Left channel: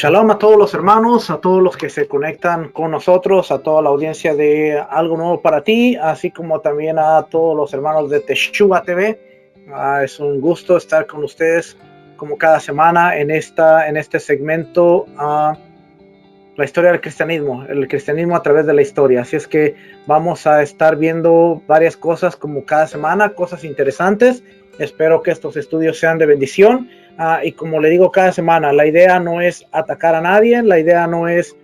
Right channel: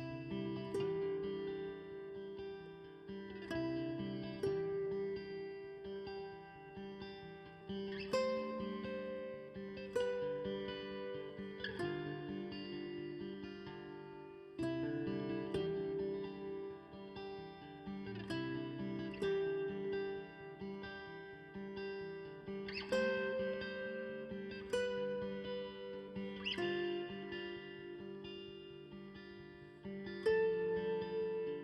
Shalom a todos los hermanos, a todos los que se conectan con nosotros, a toda la audiencia de Algo Nuevo para Ti, así como también a todos los hermanos de Teshuvah TV. Es un gusto estar con ustedes como cada semana en este segmento, la historia del cristianismo, el cristianismo a través de la historia. Así es que vamos a estar viendo varias cosas como cada semana, cosas interesantes. Espero que estos estudios sean de bendición. Y como le digo cada semana, la idea no es atacar a nadie, la idea no es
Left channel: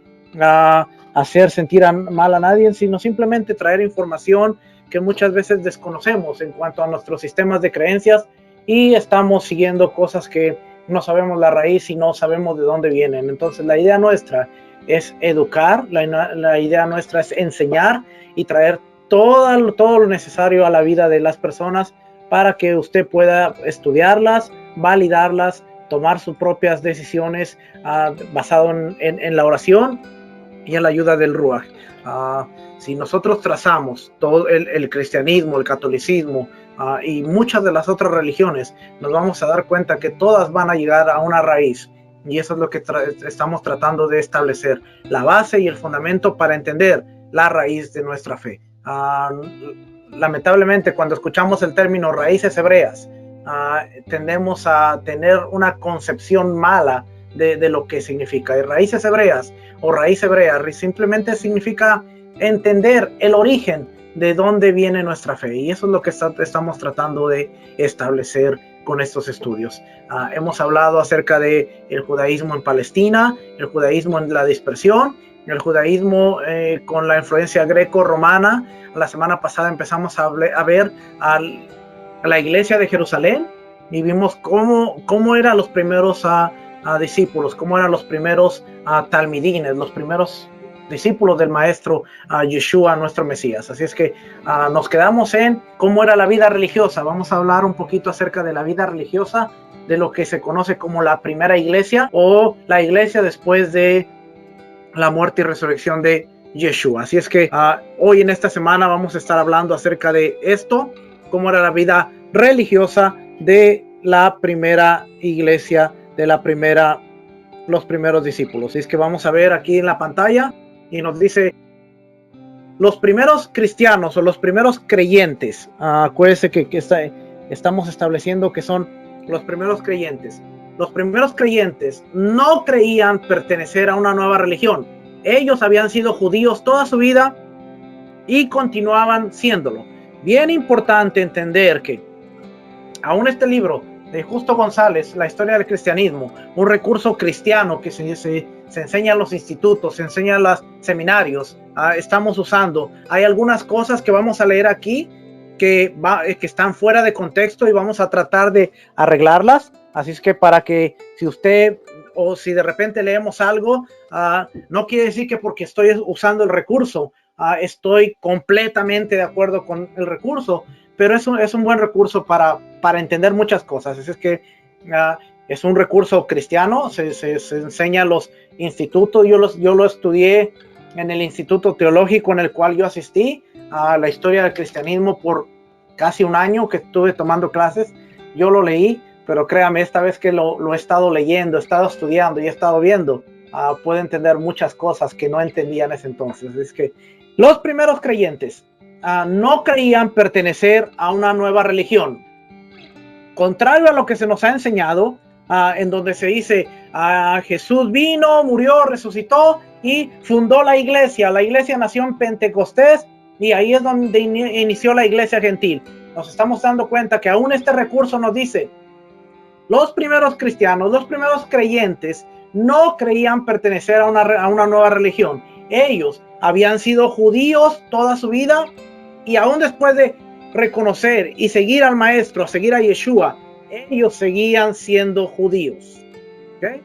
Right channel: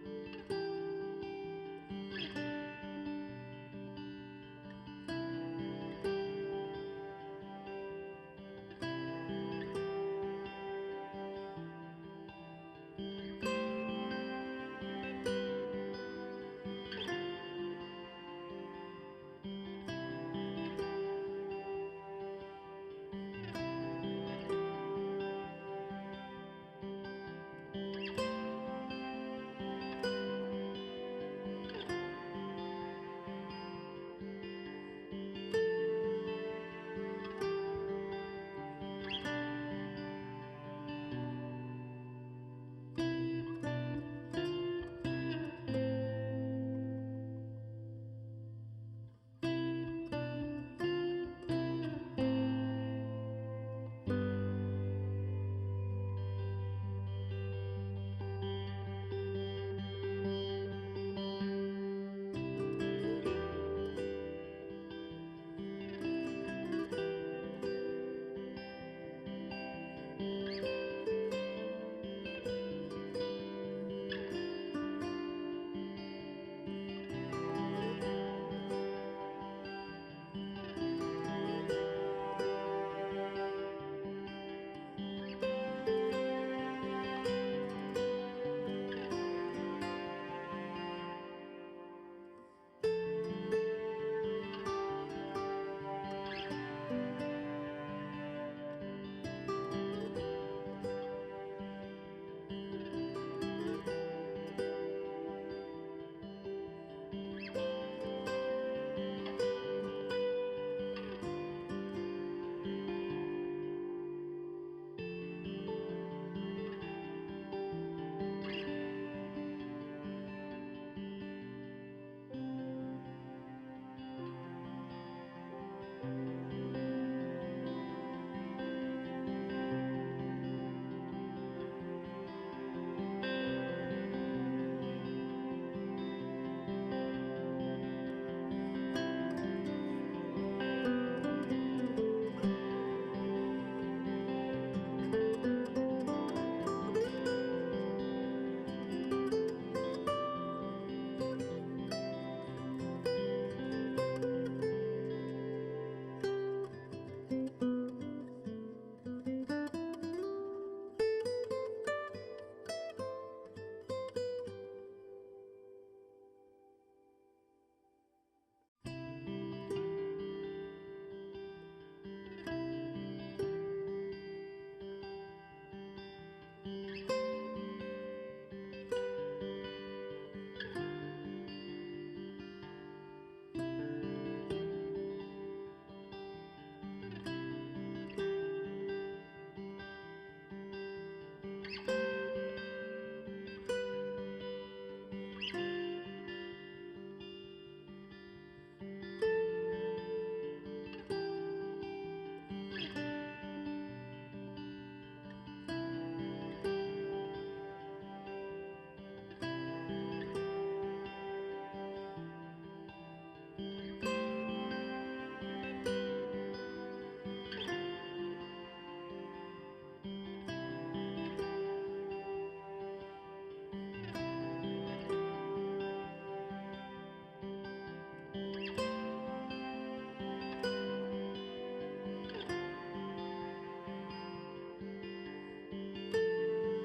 hacer sentir mal a nadie, sino simplemente traer información que muchas veces desconocemos en cuanto a nuestros sistemas de creencias y estamos siguiendo cosas que no sabemos la raíz y no sabemos de dónde vienen. Entonces la idea nuestra es educar, la idea nuestra es enseñar y traer todo lo necesario a la vida de las personas para que usted pueda estudiarlas, validarlas, tomar sus propias decisiones basado en la oración y en la ayuda del Ruach. Si nosotros trazamos todo el cristianismo, el catolicismo y muchas de las otras religiones, nos vamos a dar cuenta que todas van a llegar a una raíz. Y eso es lo que estamos tratando de establecer, la base y el fundamento para entender la raíz de nuestra fe. Lamentablemente, cuando escuchamos el término raíces hebreas, tendemos a tener una concepción mala de lo que significa. Y raíces hebreas o raíz hebrea simplemente significa entender el origen de dónde viene nuestra fe. Y eso es lo que estamos tratando de establecer con estos estudios. Hemos hablado acerca del judaísmo en Palestina, el judaísmo en la dispersión, el judaísmo con la influencia greco-romana. La semana pasada empezamos a ver a la iglesia de Jerusalén y vimos cómo eran los primeros discípulos, cómo eran los primeros talmidines, los primeros discípulos del maestro Yeshua, nuestro Mesías. Así es que nos quedamos en cómo era la vida religiosa. Vamos a hablar un poquito acerca de la vida religiosa de lo que se conoce como la primera iglesia o la iglesia después de la muerte y resurrección de Yeshua. Así es que hoy en esta semana vamos a estar hablando acerca de esto, cómo era la vida religiosa de la primera iglesia, de los primeros discípulos. Así es que vamos a ver aquí en la pantalla y nos dice los primeros cristianos o los primeros creyentes. Acuérdense que estamos estableciendo que son los primeros creyentes. Los primeros creyentes no creían pertenecer a una nueva religión. Ellos habían sido judíos toda su vida y continuaban siéndolo. Bien importante entender que aún este libro de Justo González, La historia del cristianismo, un recurso cristiano que se enseña en los institutos, se enseña en los seminarios, estamos usando. Hay algunas cosas que vamos a leer aquí que están fuera de contexto y vamos a tratar de arreglarlas. Así es que para que si usted o si de repente leemos algo, no quiere decir que porque estoy usando el recurso, estoy completamente de acuerdo con el recurso, pero es un buen recurso para entender muchas cosas. Es que es un recurso cristiano, se enseña en los institutos. Yo lo estudié en el instituto teológico en el cual yo asistí a la historia del cristianismo por casi un año que estuve tomando clases. Yo lo leí, pero créame, esta vez que lo he estado leyendo, he estado estudiando y he estado viendo, puedo entender muchas cosas que no entendía en ese entonces. Es que los primeros creyentes no creían pertenecer a una nueva religión. Contrario a lo que se nos ha enseñado, en donde se dice Jesús vino, murió, resucitó y fundó la iglesia. La iglesia nació en Pentecostés y ahí es donde inició la iglesia gentil. Nos estamos dando cuenta que aún este recurso nos dice los primeros cristianos, los primeros creyentes no creían pertenecer a una nueva religión. Ellos habían sido judíos toda su vida y aún después de reconocer y seguir al maestro, seguir a Yeshua, ellos seguían siendo judíos. ¿Okay?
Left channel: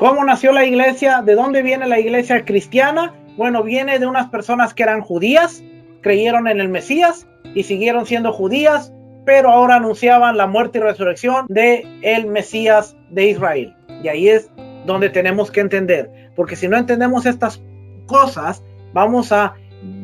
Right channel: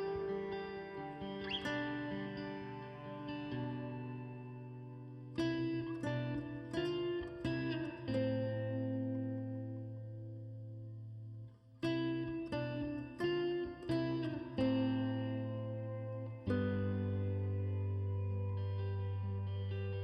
¿Cómo nació la iglesia? ¿De dónde viene la iglesia cristiana? Bueno, viene de unas personas que eran judías, creyeron en el Mesías y siguieron siendo judías, pero ahora anunciaban la muerte y resurrección de el Mesías de Israel. Y ahí es donde tenemos que entender, porque si no entendemos estas cosas, vamos a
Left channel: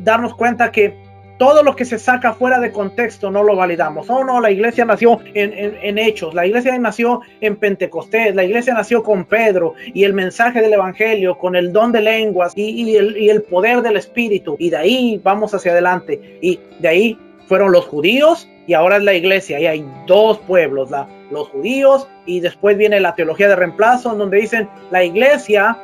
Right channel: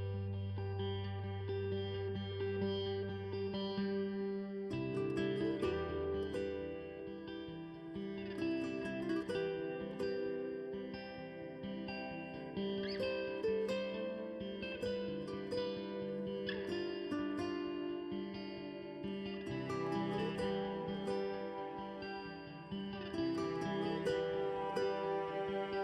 darnos cuenta que todo lo que se saca fuera de contexto no lo validamos. Oh, no, la iglesia nació en Hechos, la iglesia nació en Pentecostés, la iglesia nació con Pedro y el mensaje del evangelio, con el don de lenguas y el poder del Espíritu. Y de ahí vamos hacia adelante. Y de ahí fueron los judíos y ahora es la iglesia. Y hay dos pueblos, los judíos, y después viene la teología de reemplazo, en donde dicen la iglesia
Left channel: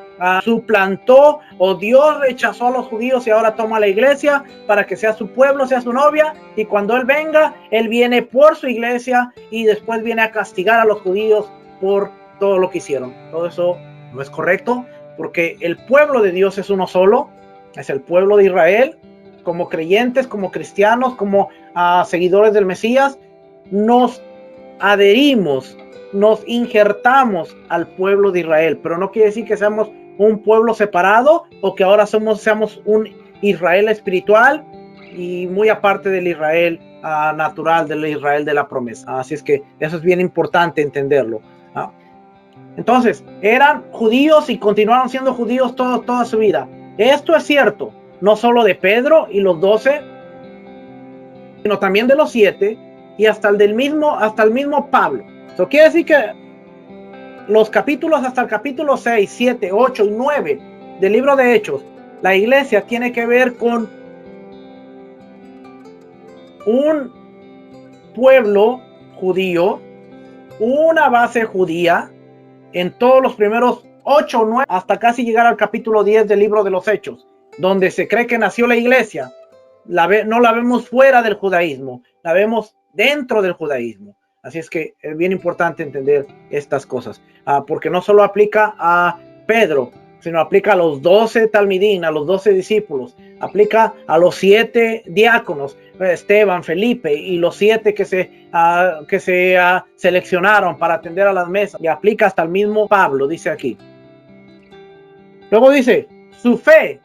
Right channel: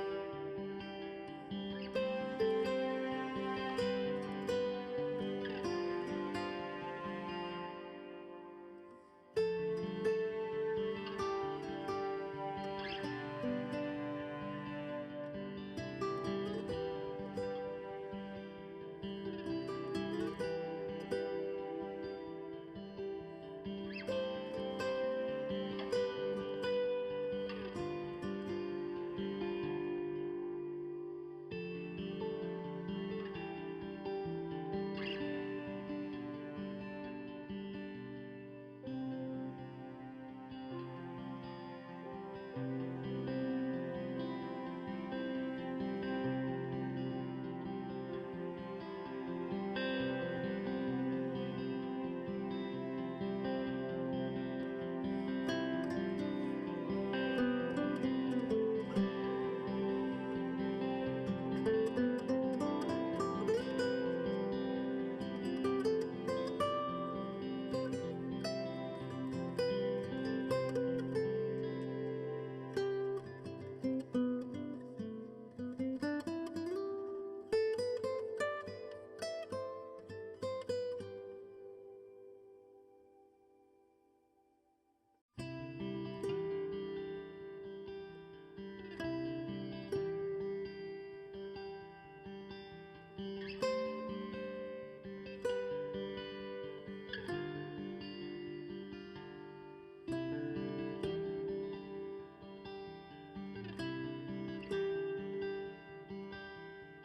suplantó, o Dios rechazó a los judíos y ahora toma a la iglesia para que sea su pueblo, sea su novia, y cuando Él venga, Él viene por su iglesia y después viene a castigar a los judíos por todo lo que hicieron. Todo eso no es correcto, porque el pueblo de Dios es uno solo, es el pueblo de Israel. Como creyentes, como cristianos, como seguidores del Mesías, nos adherimos, nos injertamos al pueblo de Israel, pero no quiere decir que seamos un pueblo separado o que ahora seamos un Israel espiritual y muy aparte del Israel natural, del Israel de la promesa. Así es que eso es bien importante entenderlo. Entonces, eran judíos y continuaron siendo judíos toda su vida. Esto es cierto, no solo de Pedro y los 12, sino también de los 7 y hasta el mismo Pablo. Eso quiere decir que los capítulos hasta el capítulo 6, 7, 8 y 9 del libro de Hechos, la iglesia tiene que ver con un pueblo judío, una base judía en todos los primeros 8 o 9 hasta casi llegar al capítulo 10 del libro de los Hechos, donde se cree que nació la iglesia. No la vemos fuera del judaísmo, la vemos dentro del judaísmo. Así es que es bien importante entender estas cosas, porque no solo aplica a Pedro, sino aplica a los 12 talmidín, a los 12 discípulos, aplica a los 7 diáconos, Esteban, Felipe y los 7 que se seleccionaron para atender a las mesas, y aplica hasta el mismo Pablo, dice aquí. Luego dice, su fe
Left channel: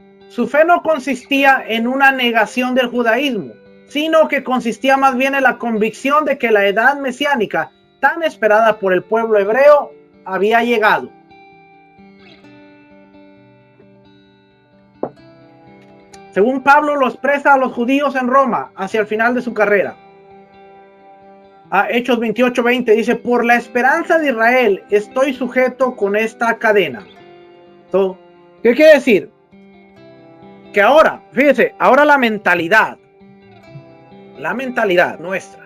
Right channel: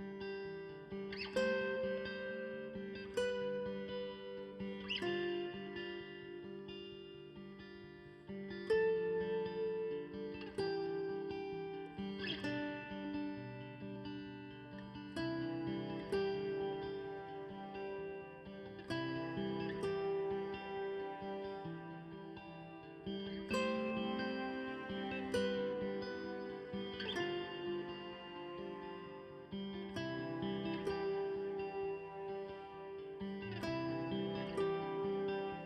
no consistía en una negación del judaísmo, sino que consistía más bien en la convicción de que la edad mesiánica tan esperada por el pueblo hebreo había llegado. Según Pablo lo expresa a los judíos en Roma hacia el final de su carrera. Hechos 28:20 dice, por la esperanza de Israel estoy sujeto con esta cadena. Entonces, ¿qué quiere decir? Que ahora, fíjese, ahora la mentalidad nuestra,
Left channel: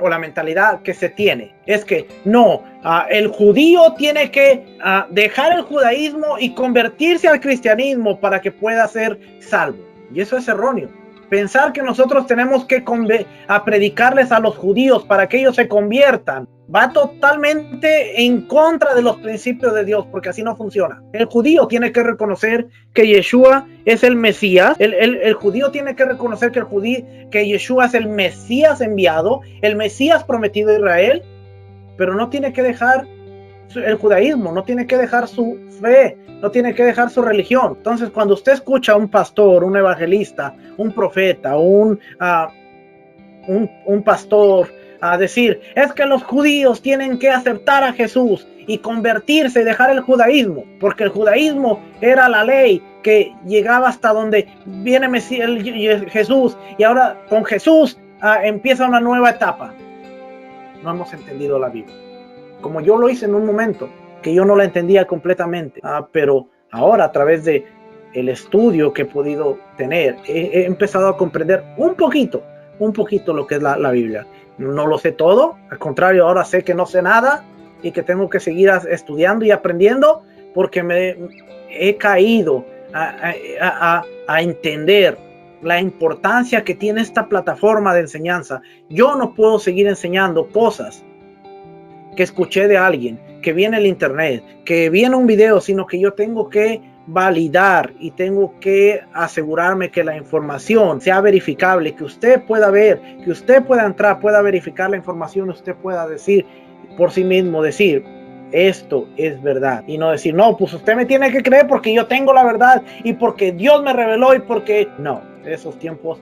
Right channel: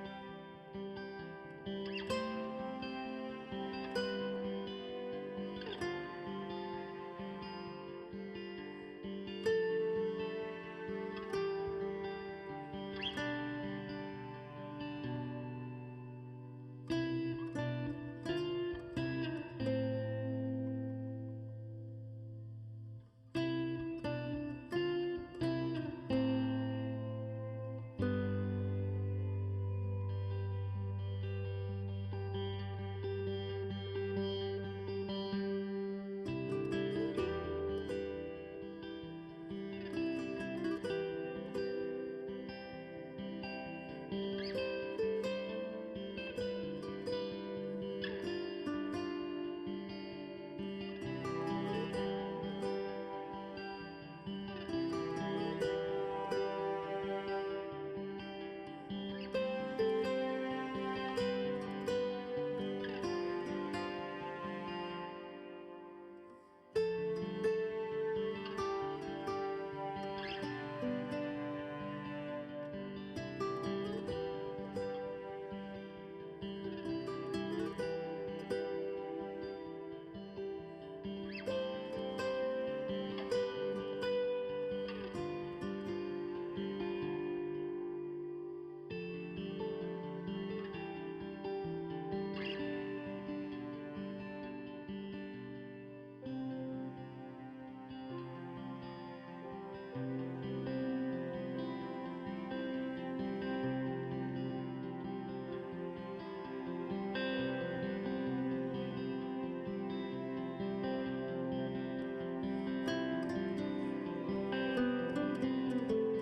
o la mentalidad que se tiene, es que no, el judío tiene que dejar el judaísmo y convertirse al cristianismo para que pueda ser salvo. Y eso es erróneo. Pensar que nosotros tenemos que predicarles a los judíos para que ellos se conviertan va totalmente en contra de los principios de Dios, porque así no funciona. El judío tiene que reconocer que Yeshua es el Mesías. El judío tiene que reconocer que Yeshua es el Mesías enviado, el Mesías prometido a Israel, pero no tiene que dejar el judaísmo, no tiene que dejar su fe, no tiene que dejar su religión. Entonces, cuando usted escucha a un pastor, un evangelista, un profeta, un pastor decir, es que los judíos tienen que aceptar a Jesús y convertirse y dejar el judaísmo, porque el judaísmo era la ley que llegaba hasta donde viene Jesús, y ahora con Jesús empieza una nueva etapa. No hemos entendido la Biblia, como yo lo hice en un momento, que yo no la entendía completamente, pero ahora a través de el estudio que he podido tener, he empezado a comprender un poquito lo que es la Biblia. No lo sé todo, al contrario, ahora sé que no sé nada y que tengo que seguir estudiando y aprendiendo, porque me he caído a entender la importancia que tiene esta plataforma de enseñanza. Yo no puedo seguir enseñando cosas que escuché de alguien, que vi en el internet, que vi en un video, sino que yo tengo que validar y tengo que asegurarme que la información sea verificable, que usted pueda ver, que usted pueda entrar, pueda verificar la información, usted pueda decir por sí mismo, decir, esto es verdad, y no decir, no, pues usted me tiene que creer porque yo tengo la verdad y porque Dios me reveló y porque no. Esos tiempos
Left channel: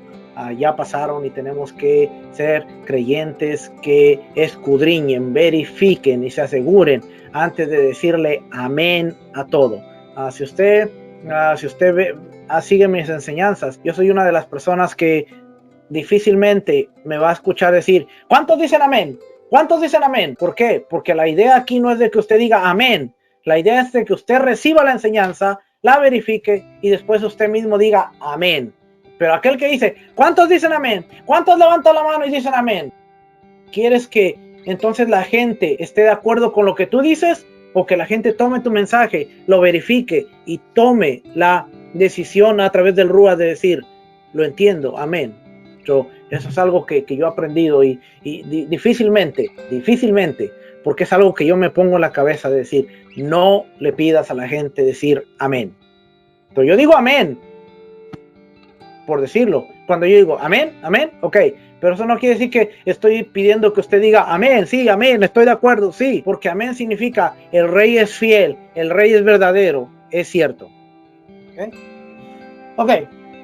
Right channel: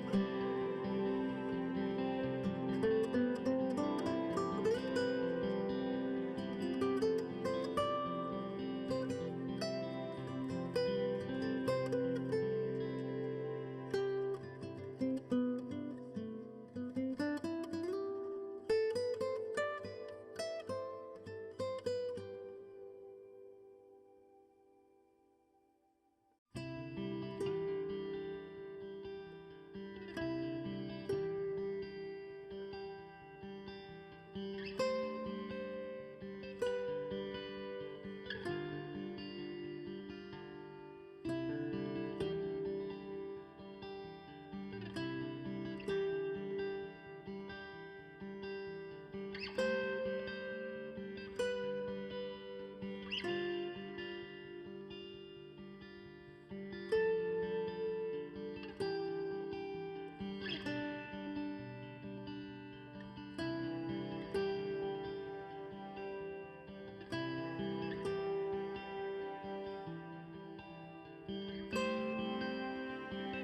ya pasaron y tenemos que ser creyentes que escudriñen, verifiquen y se aseguren antes de decirle amén a todo. Si usted sigue mis enseñanzas, yo soy una de las personas que difícilmente me va a escuchar decir, ¿cuántos dicen amén? ¿Cuántos dicen amén? ¿Por qué? Porque la idea aquí no es de que usted diga amén. La idea es de que usted reciba la enseñanza, la verifique y después usted mismo diga amén. Pero aquel que dice, ¿cuántos dicen amén? ¿Cuántos levantan la mano y dicen amén? ¿Quieres que entonces la gente esté de acuerdo con lo que tú dices? O que la gente tome tu mensaje, lo verifique y tome la decisión a través del Rúa de decir, lo entiendo, amén. Eso es algo que yo he aprendido y difícilmente, porque es algo que yo me pongo en la cabeza de decir, no le pidas a la gente decir amén. Pero yo digo amén, por decirlo. Cuando yo digo amén, amén, ok. Pero eso no quiere decir que estoy pidiendo que usted diga amén, sí, amén, estoy de acuerdo, sí. Porque amén significa el rey es fiel, el rey es verdadero, es cierto. Ok,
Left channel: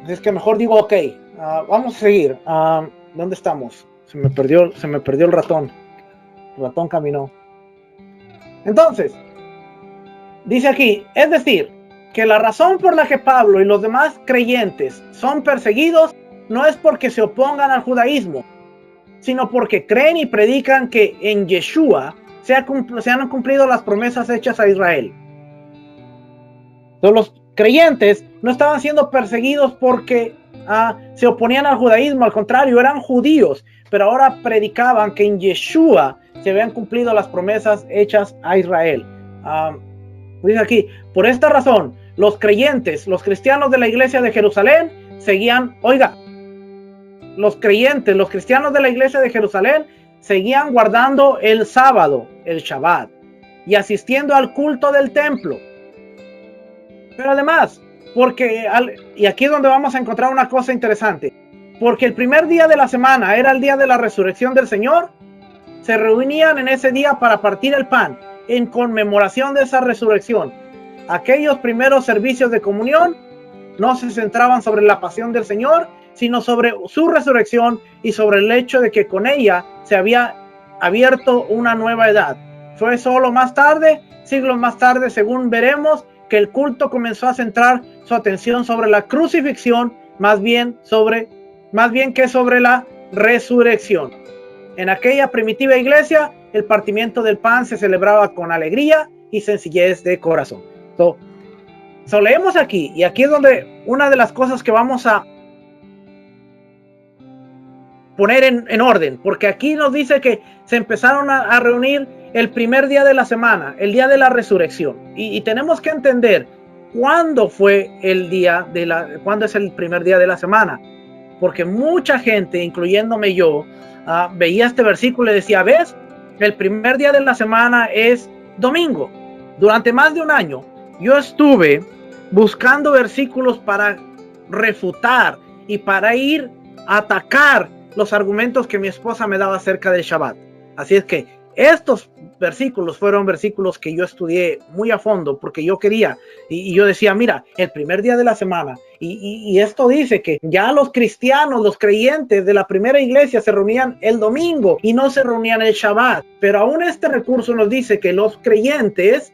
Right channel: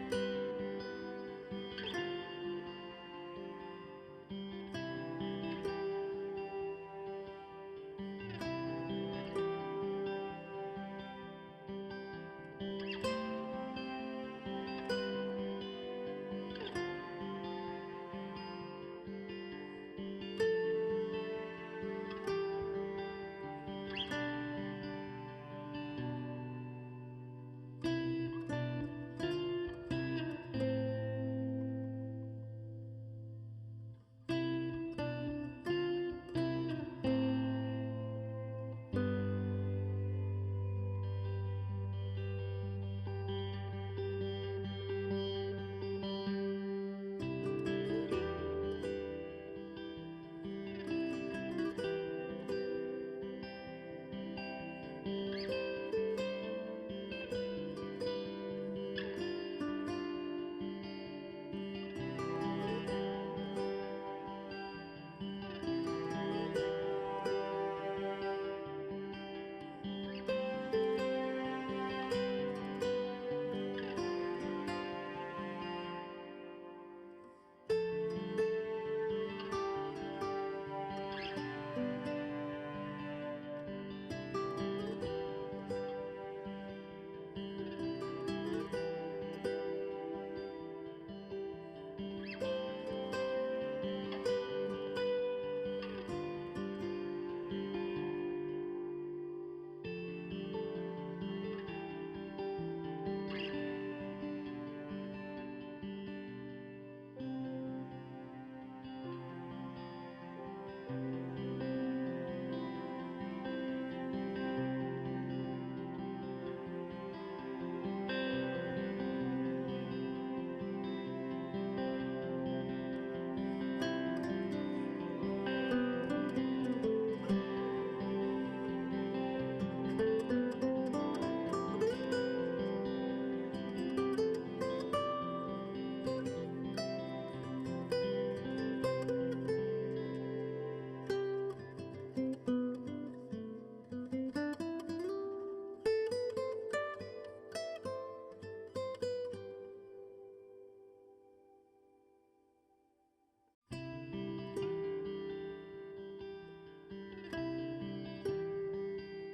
es que mejor digo ok. Vamos a seguir. ¿Dónde estamos? Se me perdió el ratón. El ratón caminó. Entonces, dice aquí, es decir, que la razón por la que Pablo y los demás creyentes son perseguidos no es porque se opongan al judaísmo, sino porque creen y predican que en Yeshua se han cumplido las promesas hechas a Israel. Entonces, los creyentes no estaban siendo perseguidos porque se oponían al judaísmo, al contrario, eran judíos, pero ahora predicaban que en Yeshua se habían cumplido las promesas hechas a Israel. Dice aquí, por esta razón, los creyentes, los cristianos de la iglesia de Jerusalén seguían, los cristianos de la iglesia de Jerusalén seguían guardando el sábado, el Shabbat, y asistiendo al culto del templo. Pero además, y aquí es donde vamos a encontrar una cosa interesante, porque el primer día de la semana era el día de la resurrección del Señor, se reunían en ese día para partir el pan, en conmemoración de esa resurrección. Aquellos primeros servicios de comunión no se centraban sobre la pasión del Señor, sino sobre su resurrección y sobre el hecho de que con ella se había abierto una nueva edad. Fue solo más tarde, siglos más tarde, según veremos, que el culto comenzó a centrar su atención sobre la crucifixión, más bien que sobre la resurrección. En aquella primitiva iglesia, el partimiento del pan se celebraba con alegría y sencillez de corazón. Leemos aquí, y aquí es donde una de las cosas que vamos a poner en orden, porque aquí nos dice que se empezaron a reunir el primer día de la semana, el día de la resurrección, y tenemos que entender cuándo fue cuándo es el primer día de la semana, porque mucha gente, incluyéndome yo, veía este versículo y decía, ¿ves? El primer día de la semana es domingo. Durante más de un año yo estuve buscando versículos para refutar y para ir a atacar los argumentos que mi esposa me daba acerca del Shabbat. Así es que estos versículos fueron versículos que yo estudié muy a fondo porque yo quería, y yo decía, mira, el primer día de la semana, y esto dice que ya los cristianos, los creyentes de la primera iglesia se reunían el domingo y no se reunían el Shabbat, pero aún este recurso nos dice que los creyentes,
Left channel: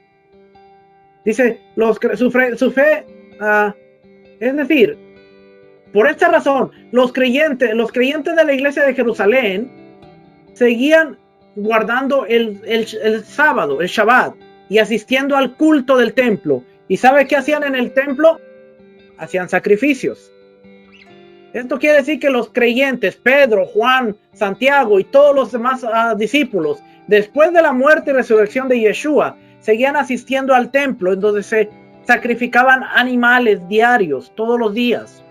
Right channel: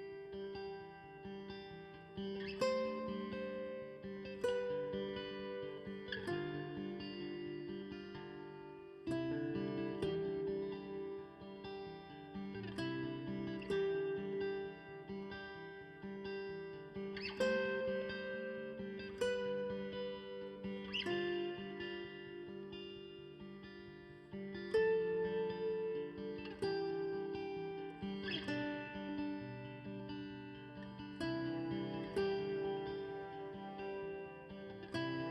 dice, su fe, es decir, por esta razón, los creyentes de la iglesia de Jerusalén seguían guardando el sábado, el Shabbat, y asistiendo al culto del templo. ¿Y sabe qué hacían en el templo? Hacían sacrificios. Esto quiere decir que los creyentes, Pedro, Juan, Santiago y todos los demás discípulos, después de la muerte y resurrección de Yeshua, seguían asistiendo al templo, en donde se sacrificaban animales diarios, todos los días.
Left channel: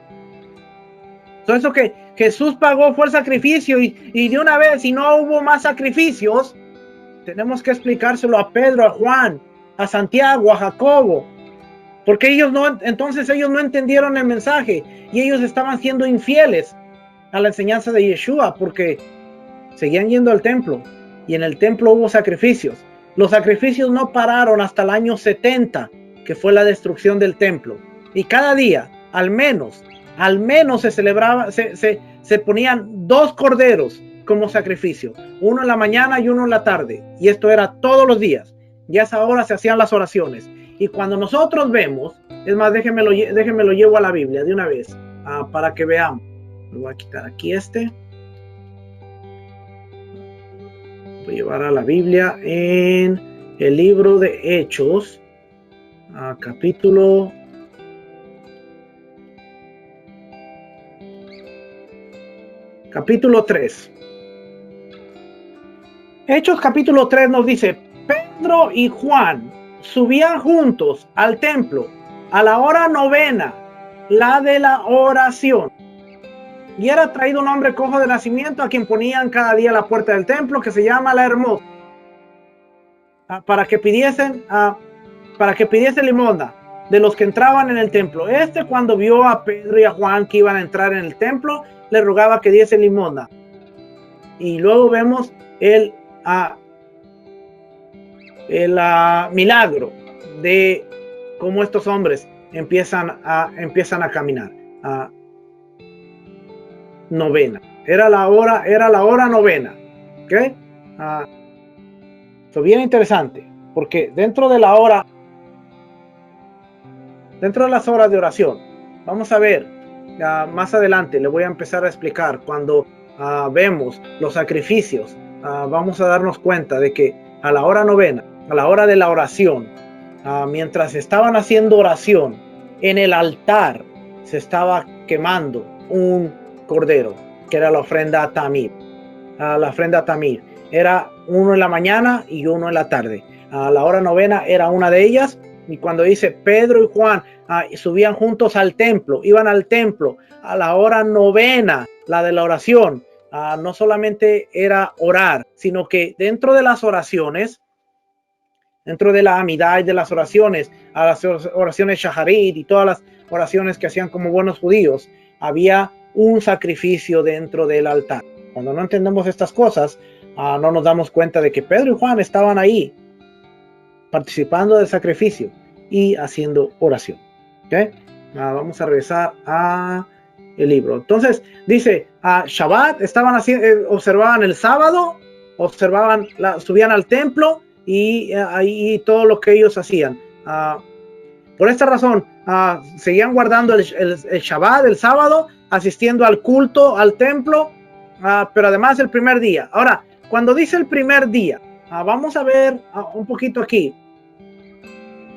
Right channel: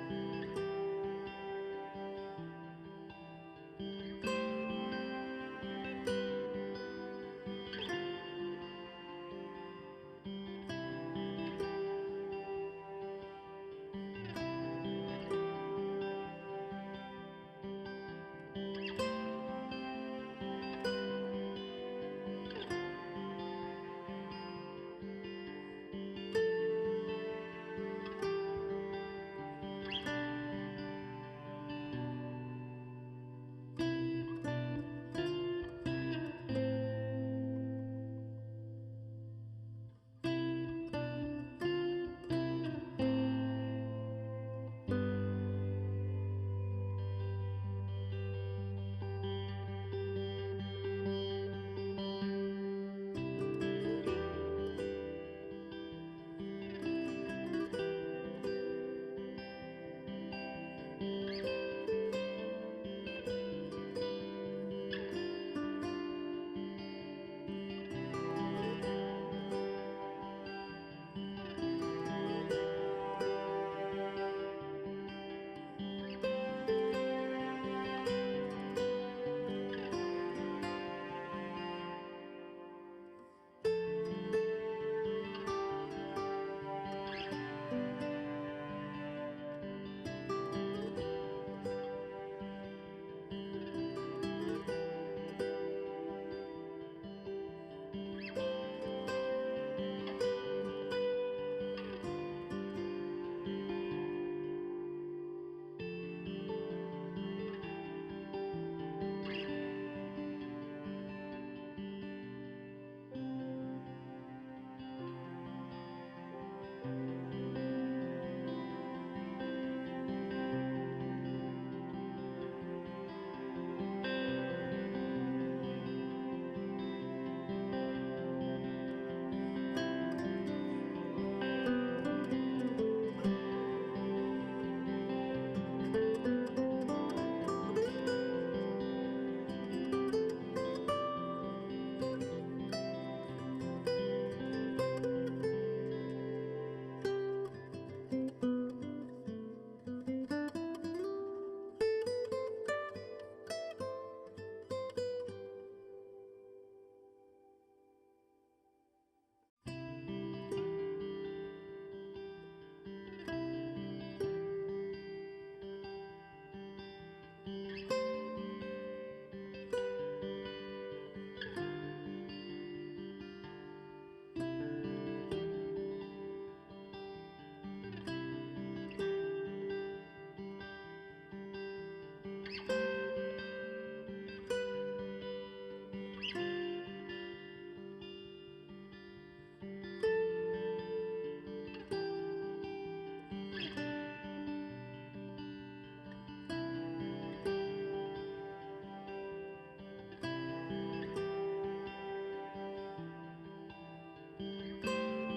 Todo eso que Jesús pagó fue el sacrificio, y de una vez, si no hubo más sacrificios, tenemos que explicárselo a Pedro, a Juan, a Santiago, a Jacobo, porque entonces ellos no entendieron el mensaje y ellos estaban siendo infieles a la enseñanza de Yeshua, porque seguían yendo al templo y en el templo hubo sacrificios. Los sacrificios no pararon hasta el año 70, que fue la destrucción del templo, y cada día, al menos se celebraba, se ponían 2 corderos como sacrificio, uno en la mañana y uno en la tarde, y esto era todos los días, y a esa hora se hacían las oraciones. Y cuando nosotros vemos, es más, déjenme lo llevo a la Biblia de una vez, para que veamos. Lo voy a quitar aquí voy a llevar a la Biblia en el libro de Hechos, capítulo 3. Hechos capítulo 3 nos dice: Pedro y Juan subían juntos al templo a la hora 9, la de la oración. Y era traído un hombre cojo de nacimiento, a quien ponían cada día a la puerta del templo, que se llama La Hermosa, para que pidiesen limosna de los que entraban en el templo. Cuando vio a Pedro y a Juan que iban a entrar en el templo, le rogaba que diese limosna. Y luego vemos el milagro de cómo estos hombres empiezan a caminar. 9. Era la hora 9. ¿Ok? Eso bien interesante, porque dentro de las horas de oración, vamos a ver, más adelante le voy a empezar a explicar, cuando vemos los sacrificios, vamos a darnos cuenta de que a la hora 9, a la hora de la oración, mientras estaban haciendo oración, en el altar se estaba quemando un cordero, que era la ofrenda Tamid. La ofrenda Tamid era uno en la mañana y uno en la tarde. A la hora 9 era una de ellas. Y cuando dice Pedro y Juan subían juntos al templo, iban al templo a la hora 9, la de la oración, no solamente era orar, sino que dentro de las oraciones, dentro de la amidad y de las oraciones, a las oraciones shaharit y todas las oraciones que hacían como buenos judíos, había un sacrificio dentro del altar. Cuando no entendemos estas cosas, no nos damos cuenta de que Pedro y Juan estaban ahí participando del sacrificio y haciendo oración. ¿Okay? Vamos a regresar a el libro. Entonces dice, Shabbat, observaban el sábado, subían al templo y ahí todo lo que ellos hacían. Por esta razón, seguían guardando el Shabbat, el sábado, asistiendo al culto, al templo, pero además el primer día. Ahora, cuando dice el primer día, vamos a ver un poquito aquí.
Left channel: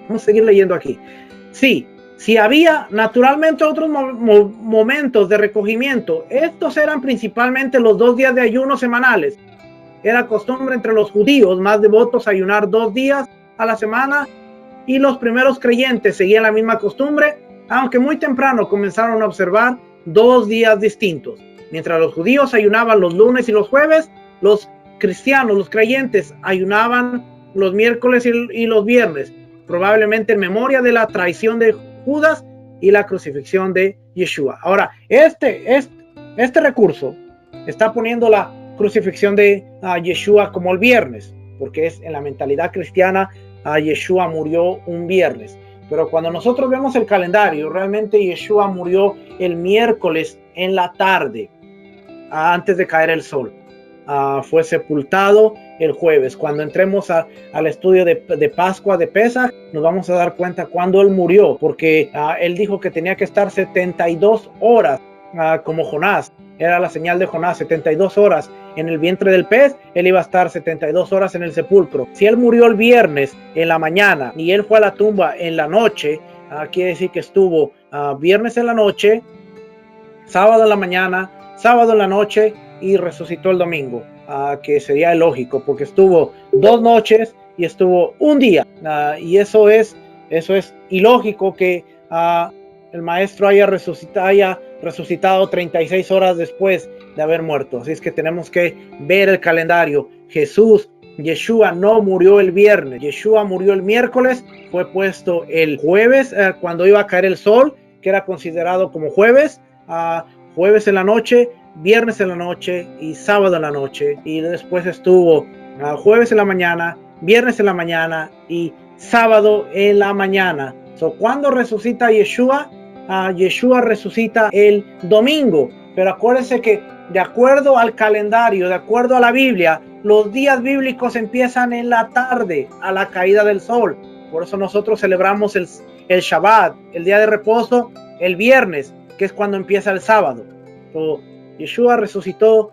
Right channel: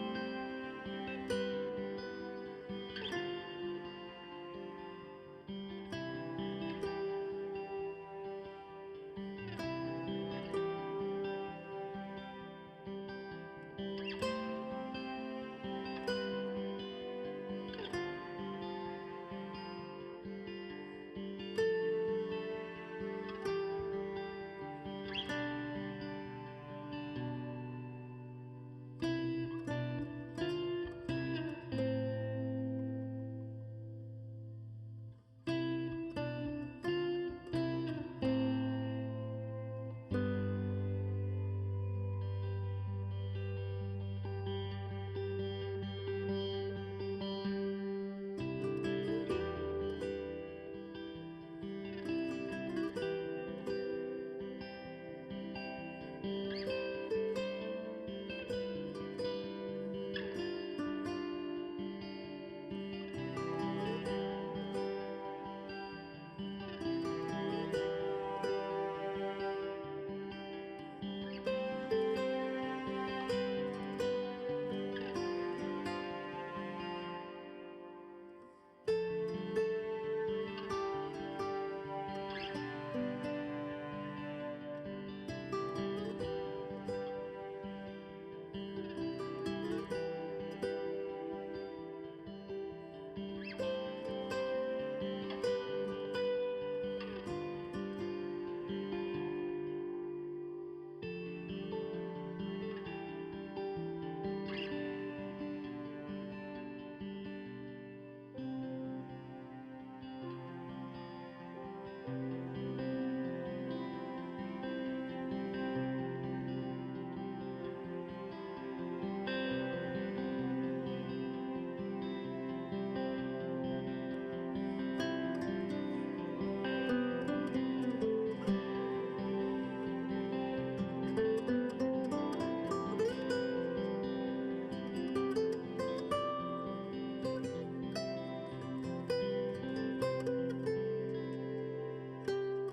Vamos a seguir leyendo aquí. Sí, había naturalmente otros momentos de recogimiento. Estos eran principalmente los 2 días de ayuno semanales. Era costumbre entre los judíos más devotos ayunar 2 días a la semana, y los primeros creyentes seguían la misma costumbre, aunque muy temprano comenzaron a observar 2 días distintos. Mientras los judíos ayunaban los lunes y los jueves, los cristianos, los creyentes, ayunaban los miércoles y los viernes, probablemente en memoria de la traición de Judas y la crucifixión de Yeshua. Ahora, este recurso está poniendo la crucifixión de Yeshua como el viernes, porque es en la mentalidad cristiana, Yeshua murió un viernes. Pero cuando nosotros vemos el calendario, realmente Yeshua murió el miércoles en la tarde, antes de caer el sol. Fue sepultado el jueves. Cuando entremos al estudio de Pascua, de Pesach, nos vamos a dar cuenta cuando él murió, porque él dijo que tenía que estar 72 horas como Jonás. Era la señal de Jonás, 72 horas en el vientre del pez. Él iba a estar 72 horas en el sepulcro. Si él murió el viernes en la mañana y él fue a la tumba en la noche, quiere decir que estuvo viernes en la noche, sábado en la mañana, sábado en la noche y resucitó el domingo, que sería lógico, porque estuvo 2 noches y estuvo un día, y eso es ilógico que el maestro haya resucitado 36 horas después de haber muerto. Así es que tenemos que ver el calendario. Yeshua no murió el viernes, Yeshua murió el miércoles, fue puesto el jueves, cuando iba a caer el sol, que era considerado como jueves, jueves en la noche, viernes en la noche y sábado en la noche, y después estuvo jueves en la mañana, viernes en la mañana y sábado en la mañana. Cuando resucita Yeshua, Yeshua resucita el domingo, pero acuérdense que de acuerdo al calendario, de acuerdo a la Biblia, los días bíblicos empiezan en la tarde, a la caída del sol. Por eso nosotros celebramos el Shabbat, el día de reposo, el viernes, que es cuando empieza el sábado. Yeshua resucitó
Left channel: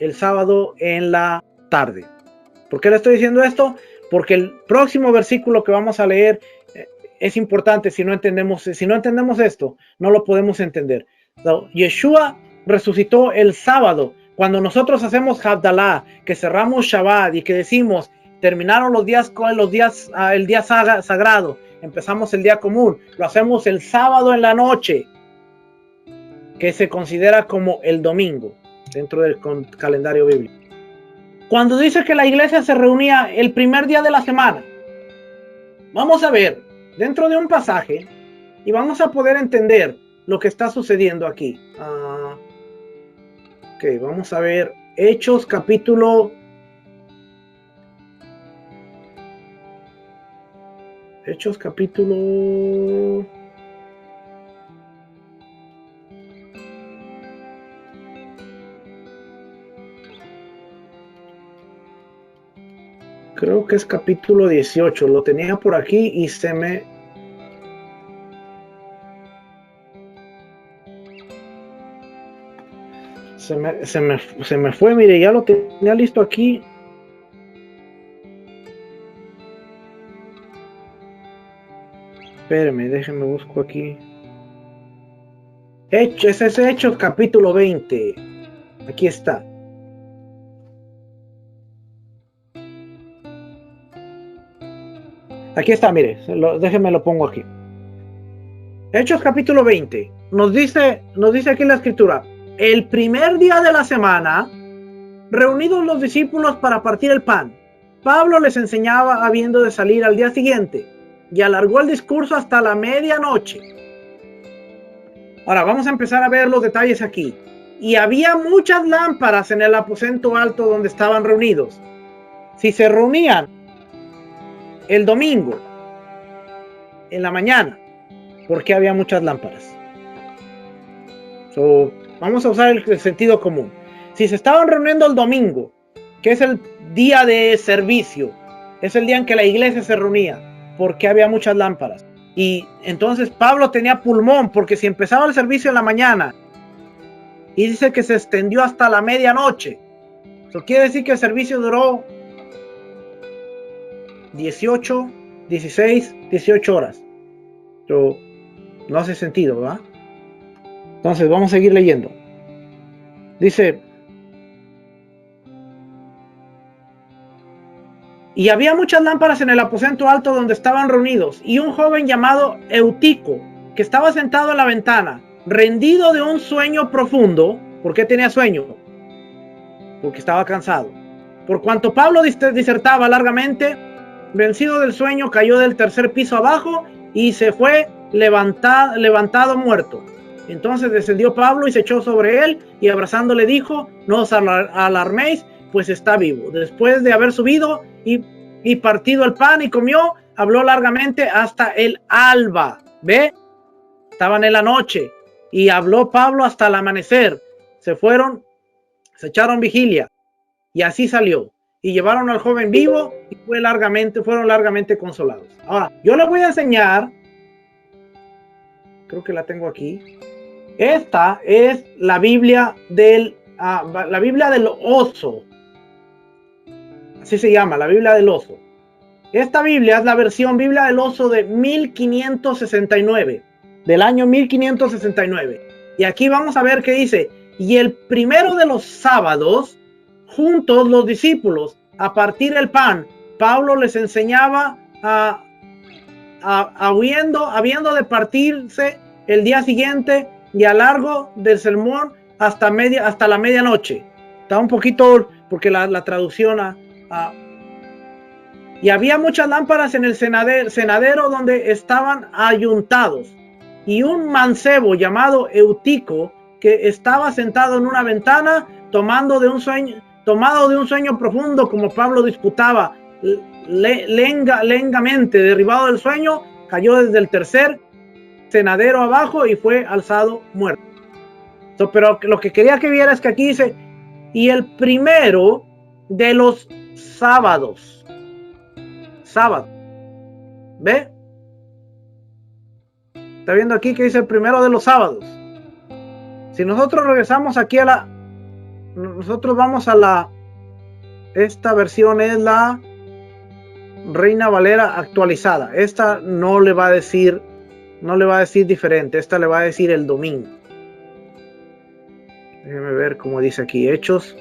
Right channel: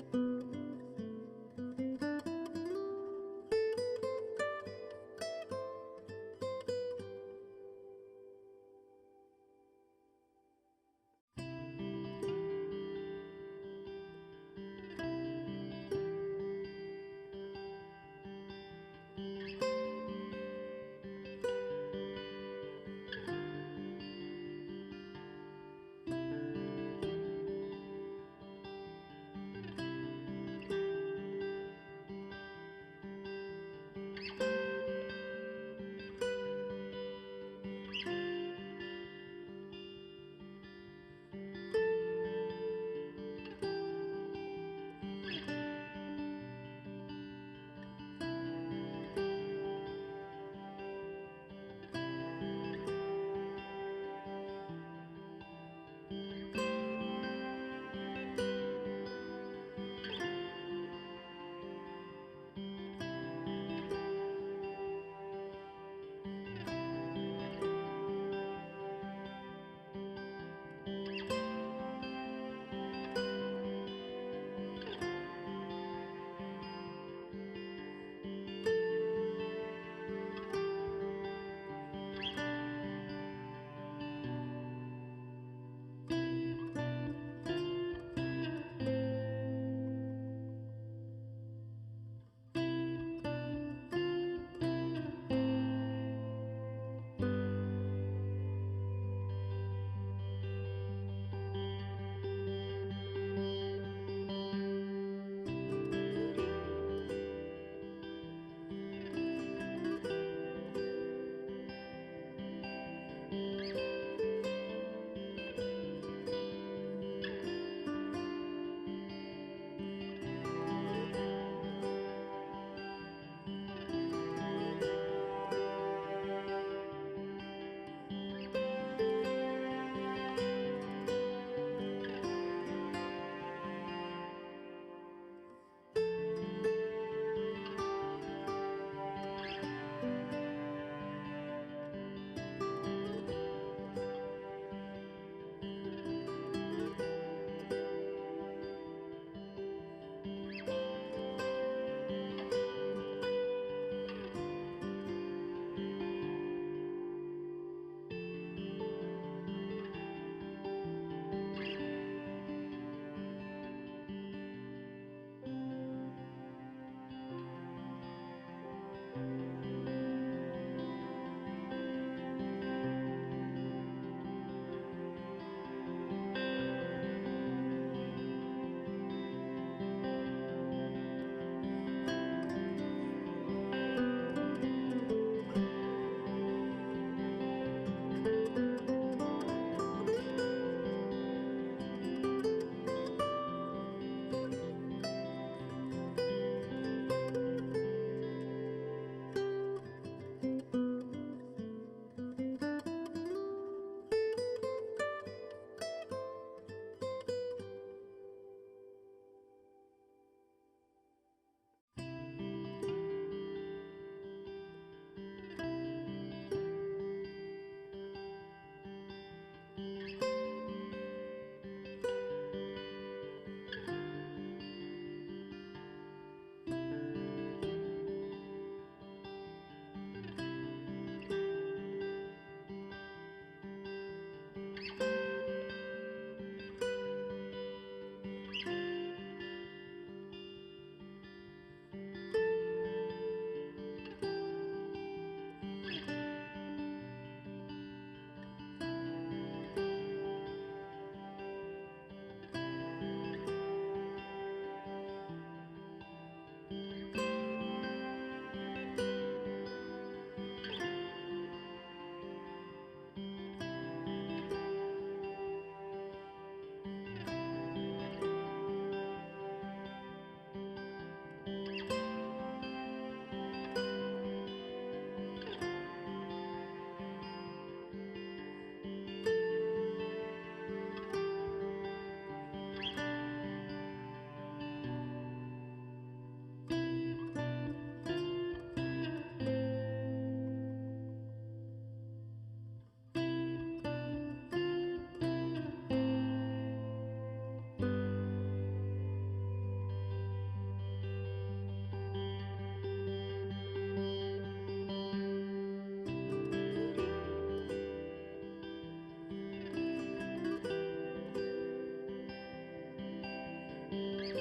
el sábado en la tarde. ¿Por qué le estoy diciendo esto? Porque el próximo versículo que vamos a leer es importante. Si no entendemos esto, no lo podemos entender. Yeshua resucitó el sábado. Cuando nosotros hacemos Havdalah, que cerramos Shabbat y que decimos, terminaron el día sagrado, empezamos el día común, lo hacemos el sábado en la noche, que se considera como el domingo dentro del calendario bíblico. Cuando dice que la iglesia se reunía el primer día de la semana, vamos a ver dentro de un pasaje y vamos a poder entender lo que está sucediendo aquí. Ok, vamos a ver Hechos capítulo 18, lo tenía por aquí y se me fue, mire, ya lo tenía listo aquí. Espérame, déjenme busco aquí. Ese es Hechos capítulo 20. Aquí está. Aquí está, mire, déjenme lo pongo aquí. Hechos capítulo 20. Nos dice aquí en la escritura, el primer día de la semana, reunidos los discípulos para partir el pan, Pablo les enseñaba habiendo de salir al día siguiente, y alargó el discurso hasta la medianoche. Ahora vamos a empezar a ver los detalles aquí. Y había muchas lámparas en el aposento alto donde estaban reunidos. Si se reunían el domingo en la mañana, ¿por qué había muchas lámparas? Vamos a usar el sentido común. Si se estaban reuniendo el domingo, que es el día de servicio, es el día en que la iglesia se reunía, ¿por qué había muchas lámparas? Y entonces Pablo tenía pulmón, porque si empezaba el servicio en la mañana y dice que se extendió hasta la medianoche, eso quiere decir que el servicio duró 18 horas. Pero no hace sentido, ¿verdad? Entonces vamos a seguir leyendo. Dice, y había muchas lámparas en el aposento alto donde estaban reunidos, y un joven llamado Eutico, que estaba sentado en la ventana, rendido de un sueño profundo. ¿Por qué tenía sueño? Porque estaba cansado. Por cuanto Pablo disertaba largamente, vencido del sueño, cayó del tercer piso abajo y se fue levantado muerto. Entonces descendió Pablo y se echó sobre él, y abrazándole dijo, no os alarméis, pues está vivo. Después de haber subido y partido el pan y comió, habló largamente hasta el alba. ¿Ve? Estaban en la noche y habló Pablo hasta el amanecer. Se echaron vigilia y así salió. Y llevaron al joven vivo y fueron largamente consolados. Ahora, yo les voy a enseñar, creo que la tengo aquí. Esta es la Biblia del oso. Así se llama, la Biblia del oso. Esta Biblia es la versión Biblia del oso de 1569, del año 1569. Y aquí vamos a ver qué dice. Y el primero de los sábados, juntos los discípulos a partir el pan, Pablo les enseñaba habiendo de partirse el día siguiente y a largo del sermón hasta la medianoche. Está un poquito, porque la traducción y había muchas lámparas en el cenadero donde estaban ayuntados, y un mancebo llamado Eutico, que estaba sentado en una ventana, tomado de un sueño profundo, como Pablo disputaba lengamente, derribado del sueño, cayó desde el tercer cenadero abajo y fue alzado muerto. Pero lo que quería que viera es que aquí dice, y el primero de los sábados. Sábado. ¿Ve? Está viendo aquí que dice el primero de los sábados. Si nosotros regresamos aquí nosotros vamos a esta versión es la Reina Valera actualizada. Esta no le va a decir diferente, esta le va a decir el domingo. Déjenme ver cómo dice aquí, Hechos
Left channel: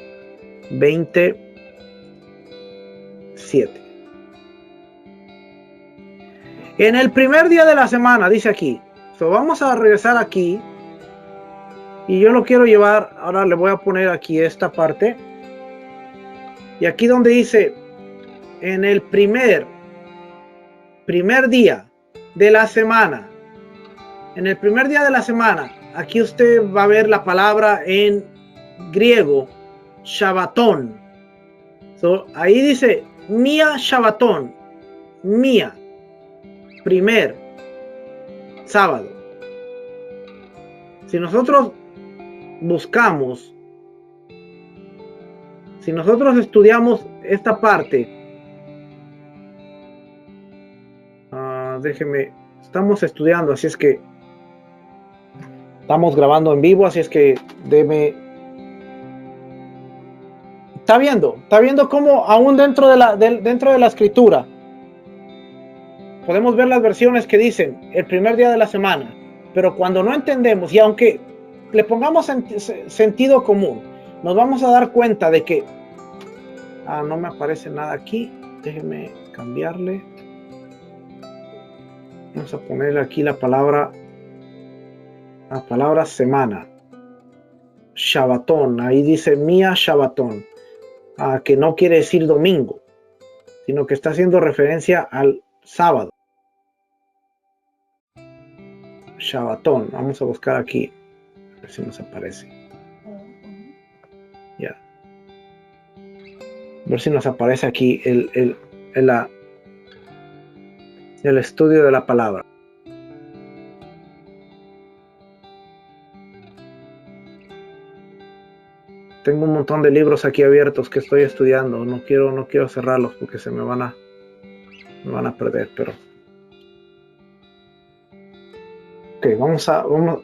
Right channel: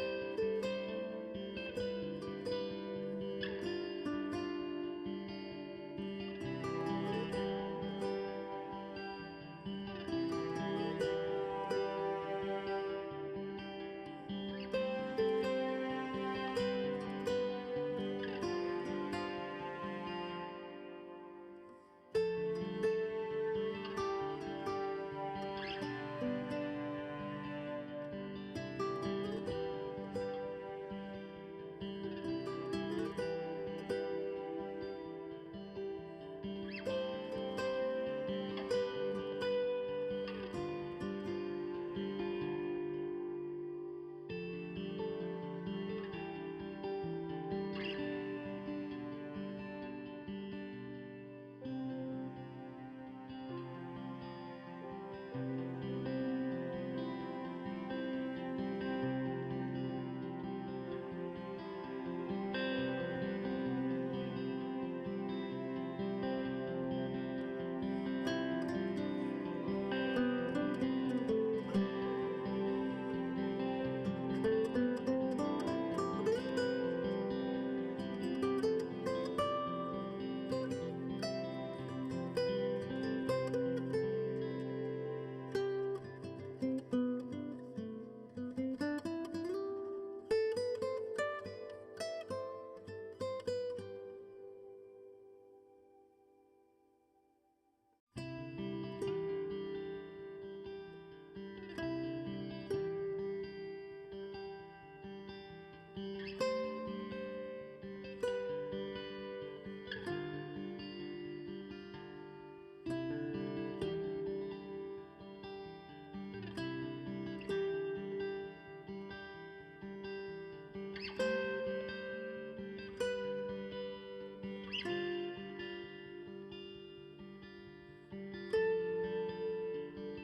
27. En el primer día de la semana, dice aquí. Vamos a regresar aquí. Y yo lo quiero llevar, ahora le voy a poner aquí esta parte. Y aquí donde dice, en el primer día de la semana. En el primer día de la semana, aquí usted va a ver la palabra en griego, Shabbatón. Ahí dice, Mía Shabbatón. Mía. Primer sábado. Si nosotros buscamos, si nosotros estudiamos esta parte, estamos estudiando, así es que estamos grabando en vivo, así es que está viendo cómo aún dentro de la escritura podemos ver las versiones que dicen el primer día de la semana, pero cuando no entendemos y aunque le pongamos sentido común, nos vamos a dar cuenta de que no me aparece nada aquí. Déjenme cambiarle. Vamos a ponerle aquí la palabra semana. Shabbatón. Ahí dice Mía Shabbatón. Que no quiere decir domingo, sino que está haciendo referencia al sábado. Shabbatón. Vamos a buscar aquí. A ver si nos aparece. Ya. A ver si nos aparece aquí el estudio de la palabra. Tengo un montón de libros aquí abiertos que estoy estudiando. No quiero cerrarlos porque se me van a perder, pero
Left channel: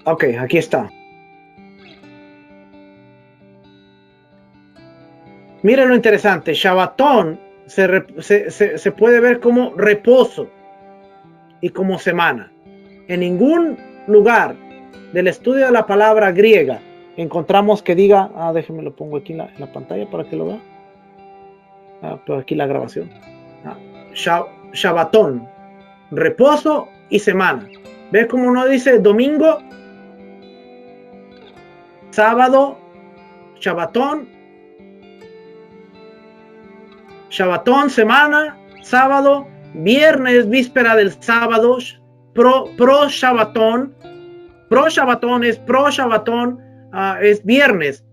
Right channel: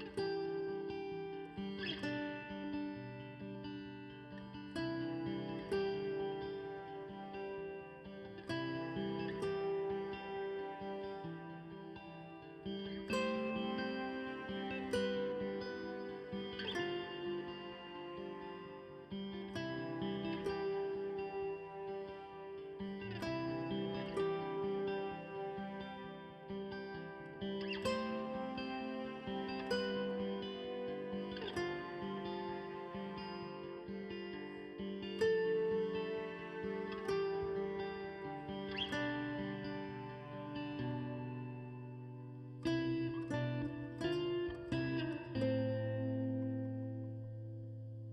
ok, aquí está. Miren lo interesante, Shabbatón se puede ver como reposo y como semana. En ningún lugar del estudio de la palabra griega encontramos que diga, déjenme lo pongo aquí en la pantalla para que lo vean. Pero aquí la grabación. Shabbatón, reposo y semana. ¿Ves cómo no dice domingo, sábado, Shabbatón, semana, sábado, viernes, víspera del sábado, pro Shabbatón. Pro Shabbatón es viernes,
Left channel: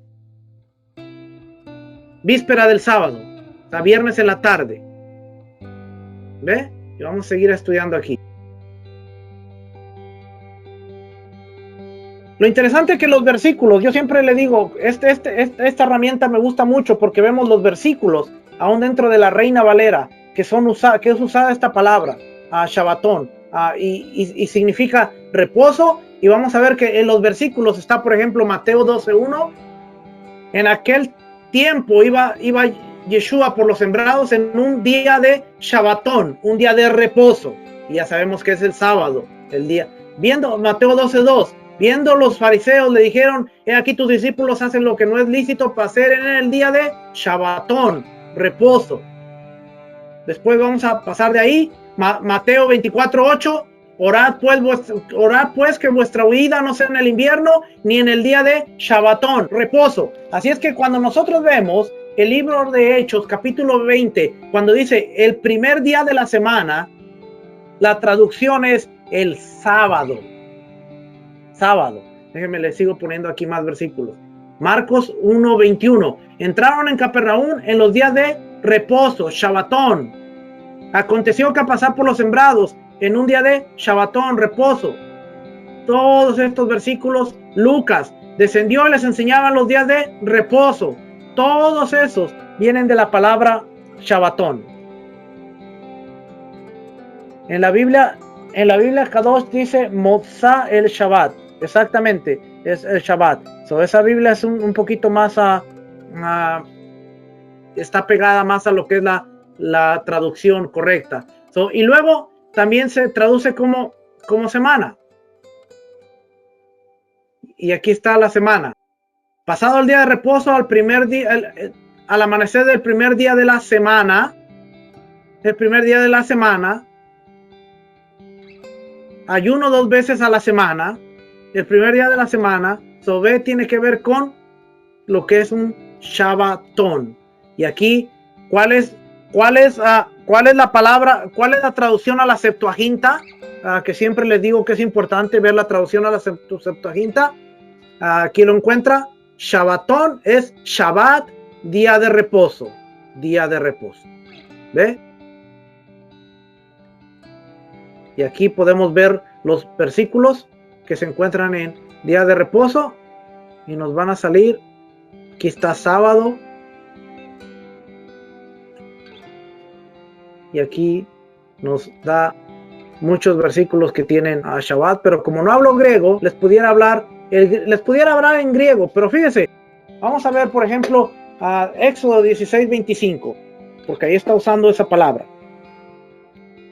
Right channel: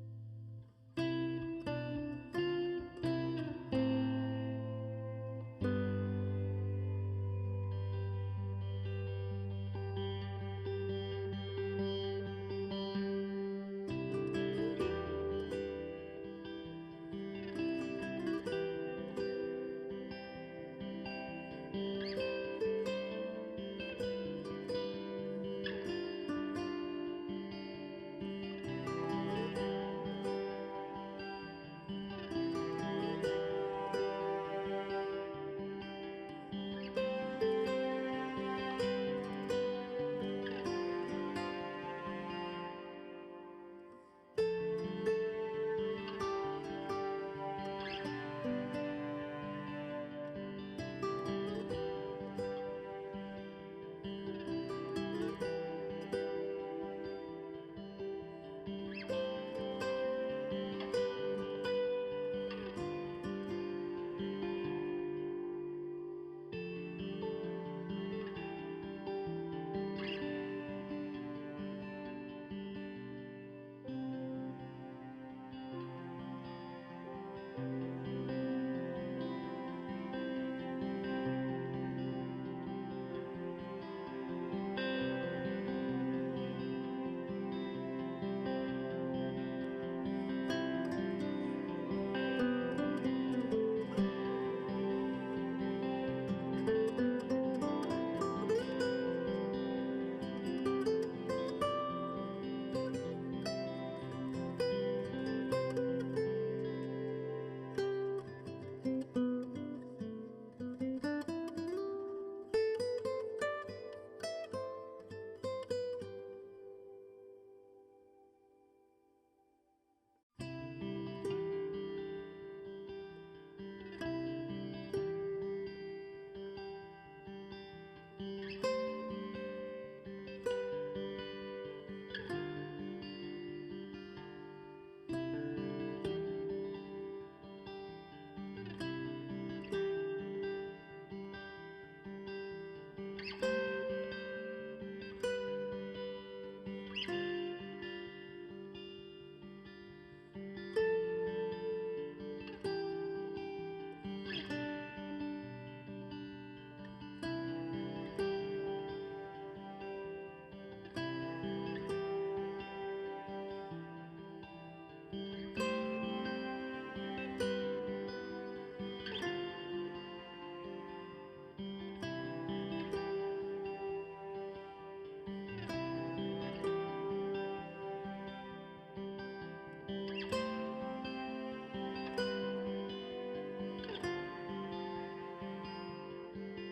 víspera del sábado, o sea, viernes en la tarde. ¿Ve? Y vamos a seguir estudiando aquí. Lo interesante es que los versículos, yo siempre le digo, esta herramienta me gusta mucho porque vemos los versículos, aún dentro de la Reina Valera, que es usada esta palabra, Shabbatón, y significa reposo. Y vamos a ver que en los versículos está, por ejemplo, Mateo 12:1. En aquel tiempo iba Yeshua por los sembrados en un día de Shabbatón, un día de reposo. Y ya sabemos que es el sábado, el día. Viendo Mateo 12:2, viendo los fariseos le dijeron, he aquí tus discípulos hacen lo que no es lícito para hacer en el día de Shabbatón, reposo. Después vamos a pasar de ahí, Mateo 24:8. Orad pues que vuestra huida no sea en el invierno ni en el día de Shabbatón, reposo. Así es que cuando nosotros vemos el libro de Hechos, capítulo 20, cuando dice el primer día de la semana, la traducción es el sábado. Sábado. Déjenme, les sigo poniendo aquí más versículos. Marcos 1:21. Entraron en Capernaum en los días de reposo, Shabbatón. Aconteció que al pasar por los sembrados, en un día de Shabbatón, reposo. Todos estos versículos, Lucas descendió y les enseñaba los días de reposo. Todos esos vienen de la palabra Shabbatón. En la Biblia Kadosh dice Motzá el Shabbat. exactamente, es el Shabbat. So, esa Biblia es un poquito más, está pegada más a lo que es la traducción correcta. So, y luego también se traduce como semana. Y aquí está la semana. Pasado el día de reposo, al primer día, al amanecer del primer día de la semana, ayuno 2 veces a la semana, el primer día de la semana. Sobé tiene que ver con lo que es un Shabbatón. Y aquí, ¿cuál es la palabra, cuál es la traducción a la Septuaginta? Que siempre les digo que es importante ver la traducción a la Septuaginta. Aquí lo encuentra. Shabbatón es Shabbat, día de reposo. ¿Ve? Y aquí podemos ver los versículos que se encuentran en día de reposo y nos van a salir. Aquí está sábado. Y aquí nos da muchos versículos que tienen a Shabbat, pero como no hablo griego, les pudiera hablar en griego. Pero fíjense, vamos a ver, por ejemplo, a Éxodo 16:25, porque ahí está usando esa palabra.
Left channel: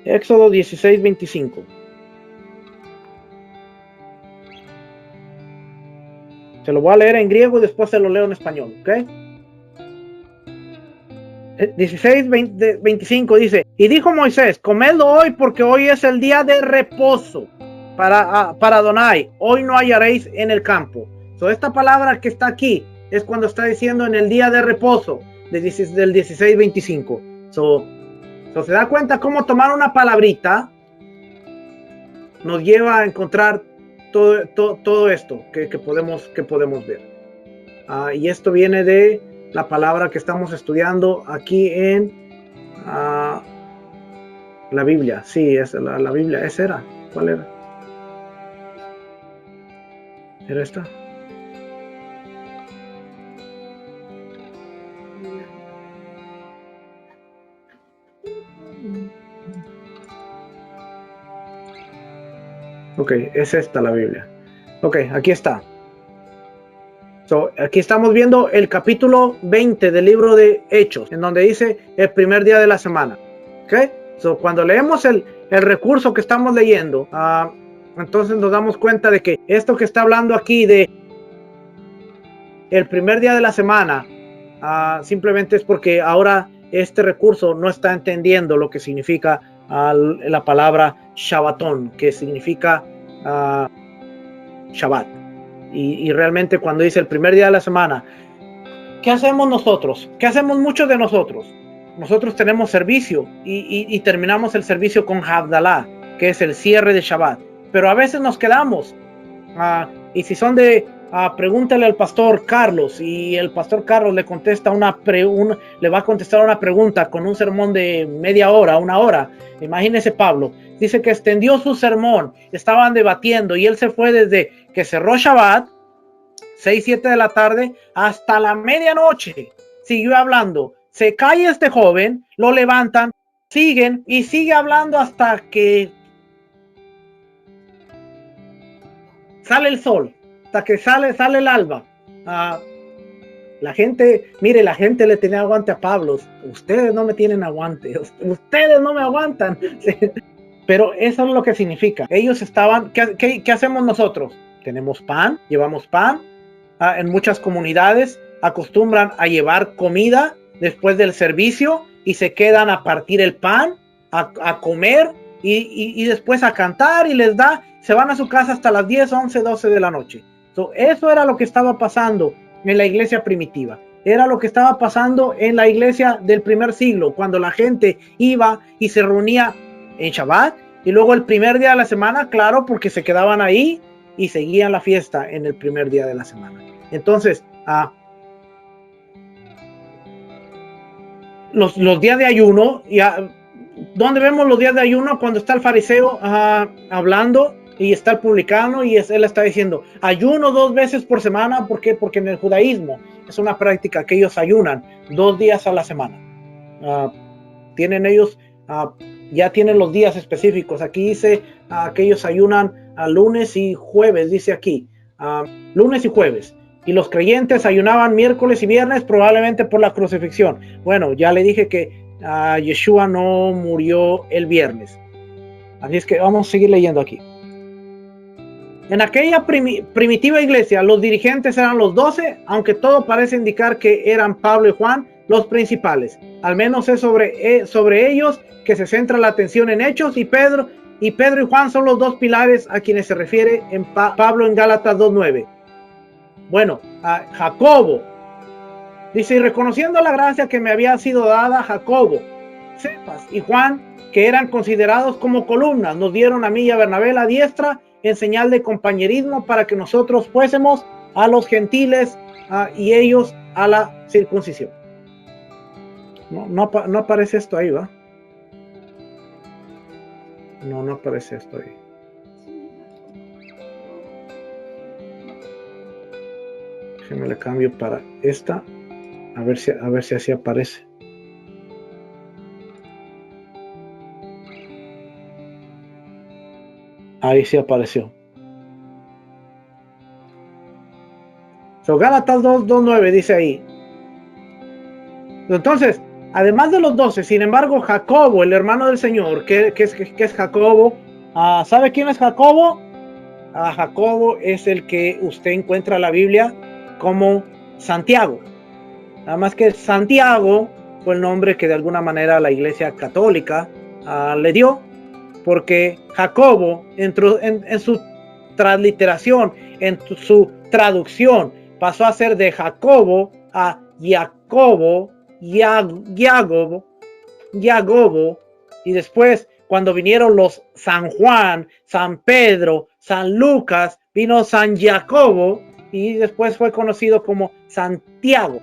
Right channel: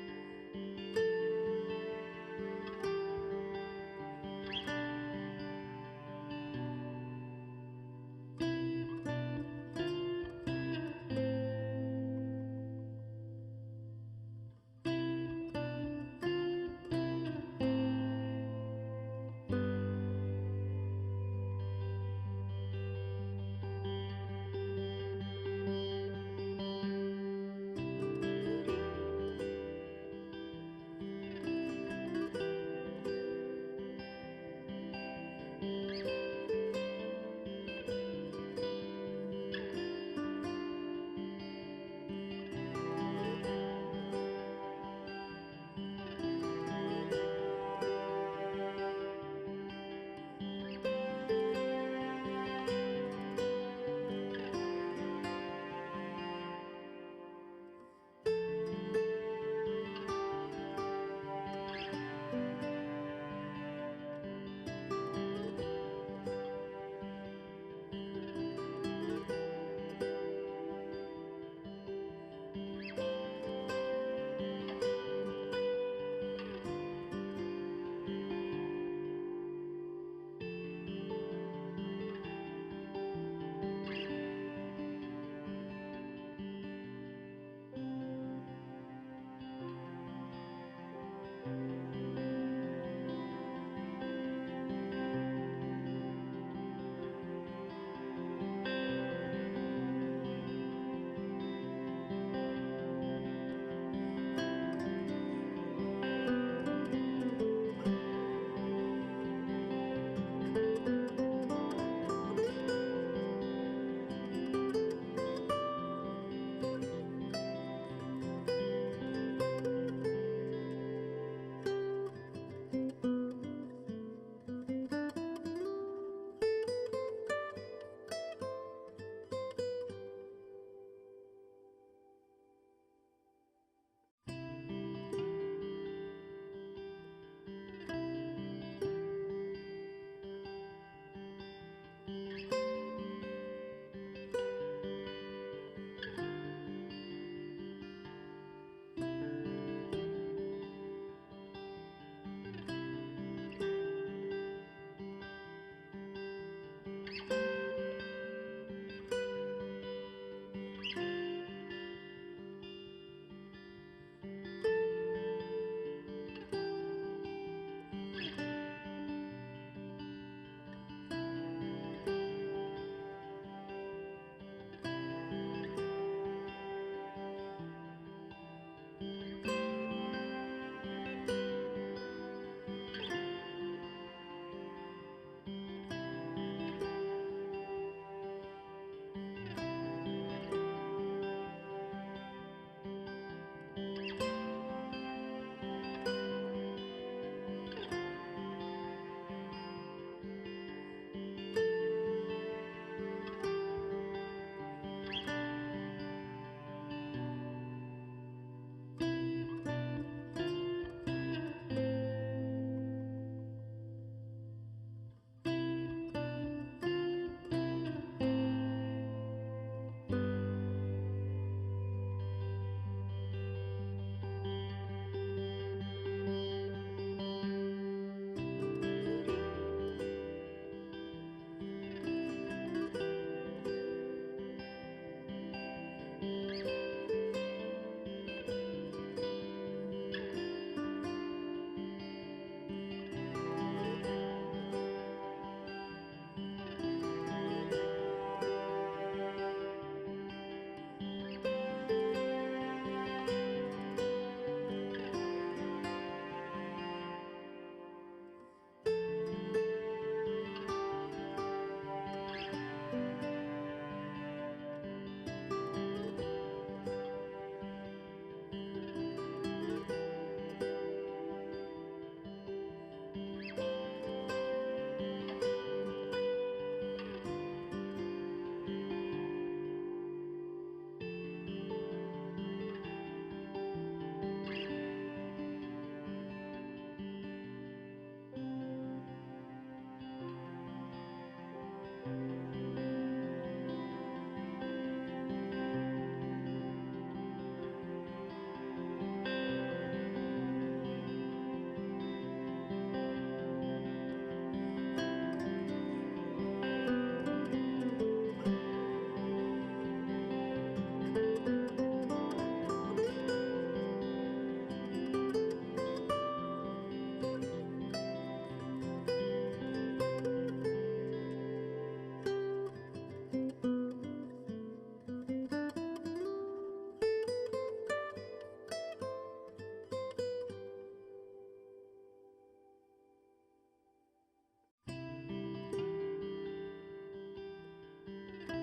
Éxodo 16:25. Se lo voy a leer en griego y después se lo leo en español, ¿ok? 16:25 dice: y dijo Moisés, comedlo hoy porque hoy es el día de reposo para Adonai, hoy no hallaréis en el campo. So, esta palabra que está aquí es cuando está diciendo en el día de reposo del 16:25. So, se da cuenta cómo tomar una palabrita nos lleva a encontrar todo esto que podemos ver. Y esto viene de la palabra que estamos estudiando aquí en la Biblia. Sí, es la Biblia. ¿Esa era? ¿Cuál era? ¿Era esta? Ok, es esta la Biblia. Ok, aquí está. So, aquí estamos viendo el capítulo 20 del libro de Hechos, en donde dice el primer día de la semana. Ok, so, cuando leemos el recurso que estamos leyendo, entonces nos damos cuenta de que esto que está hablando aquí de el primer día de la semana, simplemente es porque ahora este recurso no está entendiendo lo que significa la palabra Shabbatón, que significa Shabbat. Y realmente cuando dice el primer día de la semana, ¿qué hacemos nosotros? ¿Qué hacemos muchos de nosotros? Nosotros tenemos servicio y terminamos el servicio con Havdalah, que es el cierre de Shabbat. Pero a veces nos quedamos. Y si son pregúntale al pastor Carlos, y el pastor Carlos le contesta le va a contestar una pregunta con un sermón de media hora, 1 hora. Imagínese Pablo. Dice que extendió su sermón, estaban debatiendo y él se fue desde que cerró Shabbat, 6, 7 de la tarde, hasta la medianoche. Siguió hablando. Se cae este joven, lo levantan, siguen y sigue hablando hasta que sale el sol, hasta que sale el alba. La gente le tenía aguante a Pablo. Ustedes no me tienen aguante, ustedes no me aguantan. Pero eso es lo que significa. Ellos estaban, ¿qué hacemos nosotros? Tenemos pan, llevamos pan. En muchas comunidades acostumbran a llevar comida después del servicio y se quedan a partir el pan, a comer y después a cantar y se van a su casa hasta las 10, 11, 12 de la noche. Eso era lo que estaba pasando en la iglesia primitiva. Era lo que estaba pasando en la iglesia del primer siglo, cuando la gente iba y se reunía en Shabbat, y luego el primer día de la semana, claro, porque se quedaban ahí y seguían la fiesta en el primer día de la semana. Entonces, los días de ayuno, ¿dónde vemos los días de ayuno? Cuando está el fariseo hablando y está el publicano y él está diciendo, ayuno 2 veces por semana. ¿Por qué? Porque en el judaísmo es una práctica que ellos ayunan 2 días a la semana. Tienen ellos, ya tienen los días específicos. Aquí dice que ellos ayunan a lunes y jueves, dice aquí, lunes y jueves. Y los creyentes ayunaban miércoles y viernes, probablemente por la crucifixión. Bueno, ya le dije que Yeshua no murió el viernes. Así es que vamos a seguir leyendo aquí. En aquella primitiva iglesia, los dirigentes eran los 12, aunque todo parece indicar que eran Pablo y Juan los principales. Al menos es sobre ellos que se centra la atención en Hechos, y Pedro y Juan son los dos pilares a quienes se refiere en Pablo en Gálatas 2:9. Bueno, a Jacobo dice: y reconociendo la gracia que me había sido dada, Jacobo, Cefas y Juan, que eran considerados como columnas, nos dieron a mí y a Bernabé la diestra en señal de compañerismo, para que nosotros fuésemos a los gentiles y ellos a la circuncisión. No aparece esto ahí, ¿va? No aparece esto ahí. Déjeme le cambio para esta, a ver si así aparece. Ahí sí apareció. Gálatas 2:9 dice ahí. Entonces, además de los 12, sin embargo, Jacobo, el hermano del Señor, ¿qué es Jacobo? ¿Sabe quién es Jacobo? Jacobo es el que usted encuentra en la Biblia como Santiago. Nada más que Santiago fue el nombre que de alguna manera la Iglesia Católica le dio, porque Jacobo en su transliteración, en su traducción, pasó a ser de Jacobo a Jacobo, Jacobo, y después, cuando vinieron los San Juan, San Pedro, San Lucas, vino San Jacobo, y después fue conocido como Santiago.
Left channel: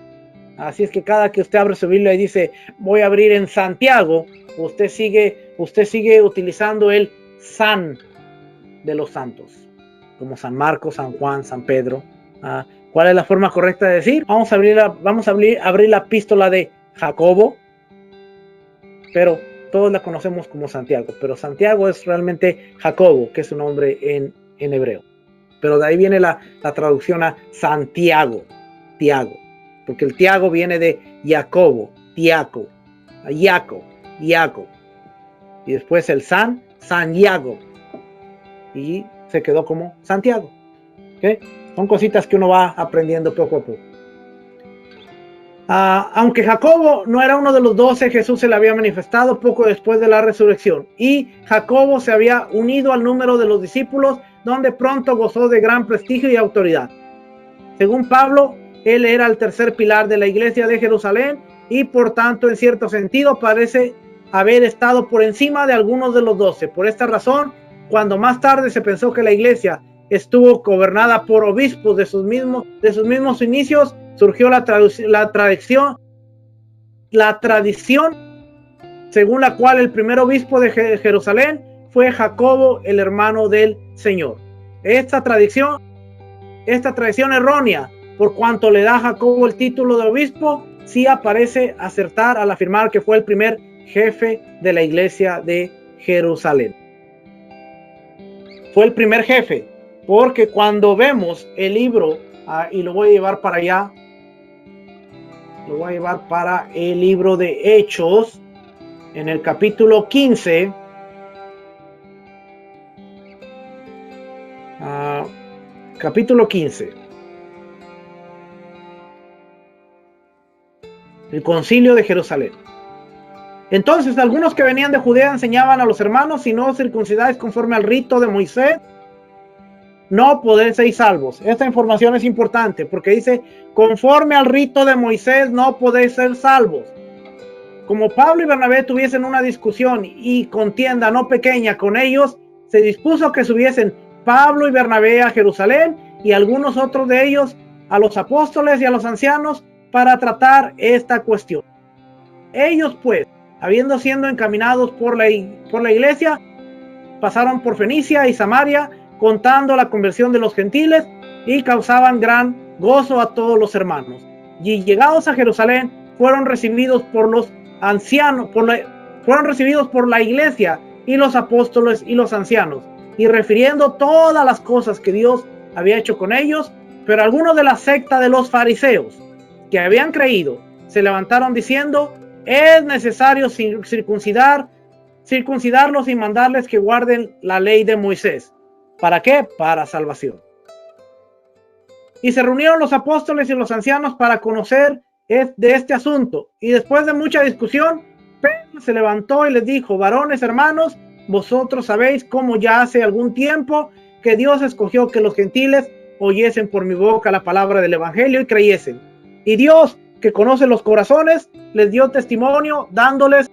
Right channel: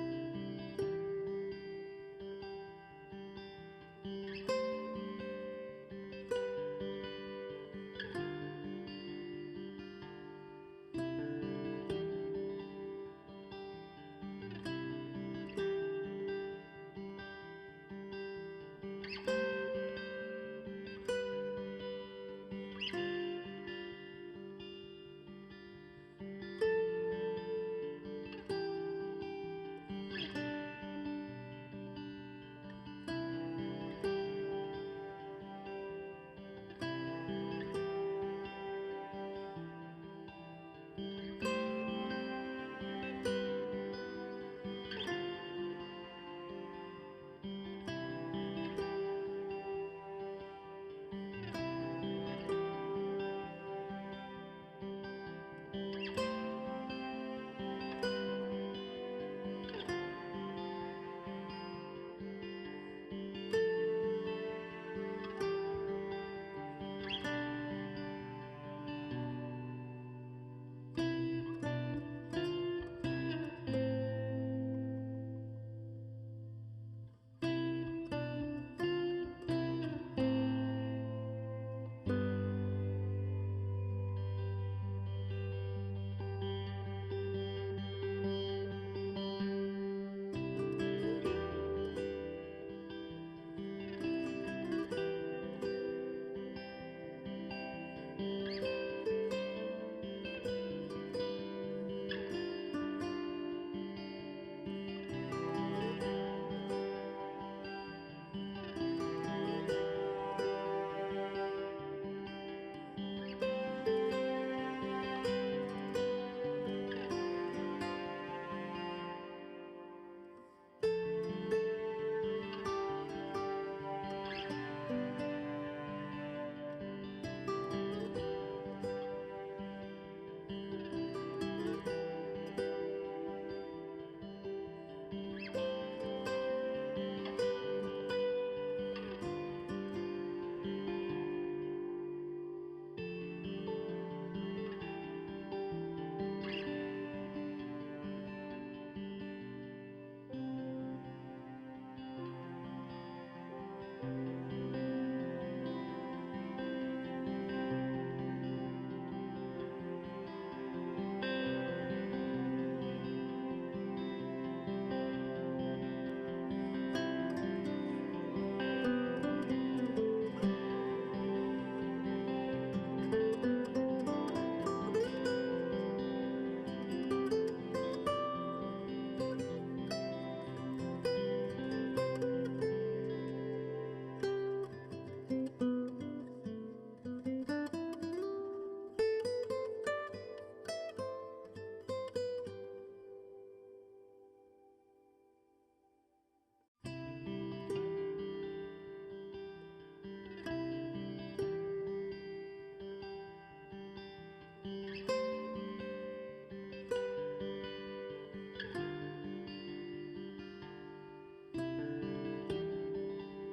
Así es que cada que usted abre su Biblia y dice: voy a abrir en Santiago, usted sigue utilizando el San de los santos, como San Marcos, San Juan, San Pedro. ¿Cuál es la forma correcta de decir? Vamos a abrir la epístola de Jacobo, pero todos la conocemos como Santiago, pero Santiago es realmente Jacobo, que es su nombre en hebreo. Pero de ahí viene la traducción a Santiago, Tiago, porque el Tiago viene de Jacobo, Tiago, Iaco, y después el San Diago, y se quedó como Santiago. ¿Okay? Son cositas que uno va aprendiendo poco a poco. Aunque Jacobo no era uno de los 12, Jesús se le había manifestado poco después de la resurrección, y Jacobo se había unido al número de los discípulos, donde pronto gozó de gran prestigio y autoridad. Según Pablo, él era el tercer pilar de la iglesia de Jerusalén, y por tanto, en cierto sentido, parece haber estado por encima de algunos de los 12. Por esta razón, cuando más tarde se pensó que la iglesia estuvo gobernada por obispos de sus mismos inicios, surgió la tradición según la cual el primer obispo de Jerusalén fue Jacobo, el hermano del Señor. Esta tradición errónea, por cuanto le da a Jacobo el título de obispo, sí parece acertar al afirmar que fue el primer jefe de la iglesia de Jerusalén. Fue el primer jefe, porque cuando vemos el libro, y lo voy a llevar para allá, lo voy a llevar para el libro de Hechos, en el capítulo 15, capítulo 15, el concilio de Jerusalén. Entonces algunos que venían de Judea enseñaban a los hermanos: si no circuncidáis conforme al rito de Moisés, no podéis ser salvos. Esta información es importante porque dice: conforme al rito de Moisés no podéis ser salvos. Como Pablo y Bernabé tuviesen una discusión y contienda no pequeña con ellos, se dispuso que subiesen Pablo y Bernabé a Jerusalén, y algunos otros de ellos a los apóstoles y a los ancianos, para tratar esta cuestión. Ellos pues, habiendo sido encaminados por la iglesia, pasaron por Fenicia y Samaria, contando la conversión de los gentiles, y causaban gran gozo a todos los hermanos. Y llegados a Jerusalén, fueron recibidos por los ancianos, fueron recibidos por la iglesia y los apóstoles y los ancianos. y refiriendo todas las cosas que Dios había hecho con ellos. Pero algunos de la secta de los fariseos que habían creído se levantaron diciendo: es necesario circuncidarlos y mandarles que guarden la ley de Moisés. ¿Para qué? Para salvación. Y se reunieron los apóstoles y los ancianos para conocer de este asunto. Y después de mucha discusión, Pedro se levantó y les dijo: varones, hermanos, vosotros sabéis cómo ya hace algún tiempo que Dios escogió que los gentiles oyesen por mi boca la palabra del evangelio y creyesen. Y Dios, que conoce los corazones, les dio testimonio dándoles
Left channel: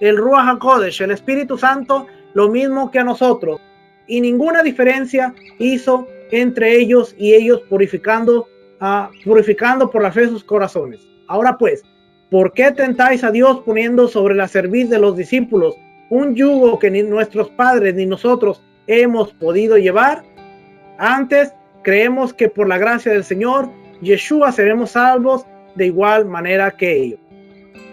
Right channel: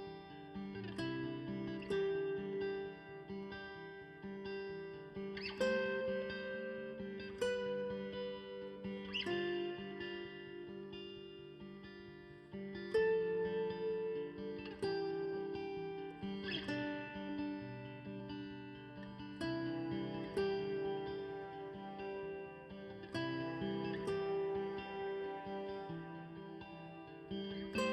el Ruach HaKodesh, el Espíritu Santo, lo mismo que a nosotros. Y ninguna diferencia hizo entre ellos y ellos, purificando por la fe sus corazones. Ahora pues, ¿por qué tentáis a Dios poniendo sobre la cerviz de los discípulos un yugo que ni nuestros padres ni nosotros hemos podido llevar? Antes, creemos que por la gracia del Señor Yeshua seremos salvos de igual manera que ellos.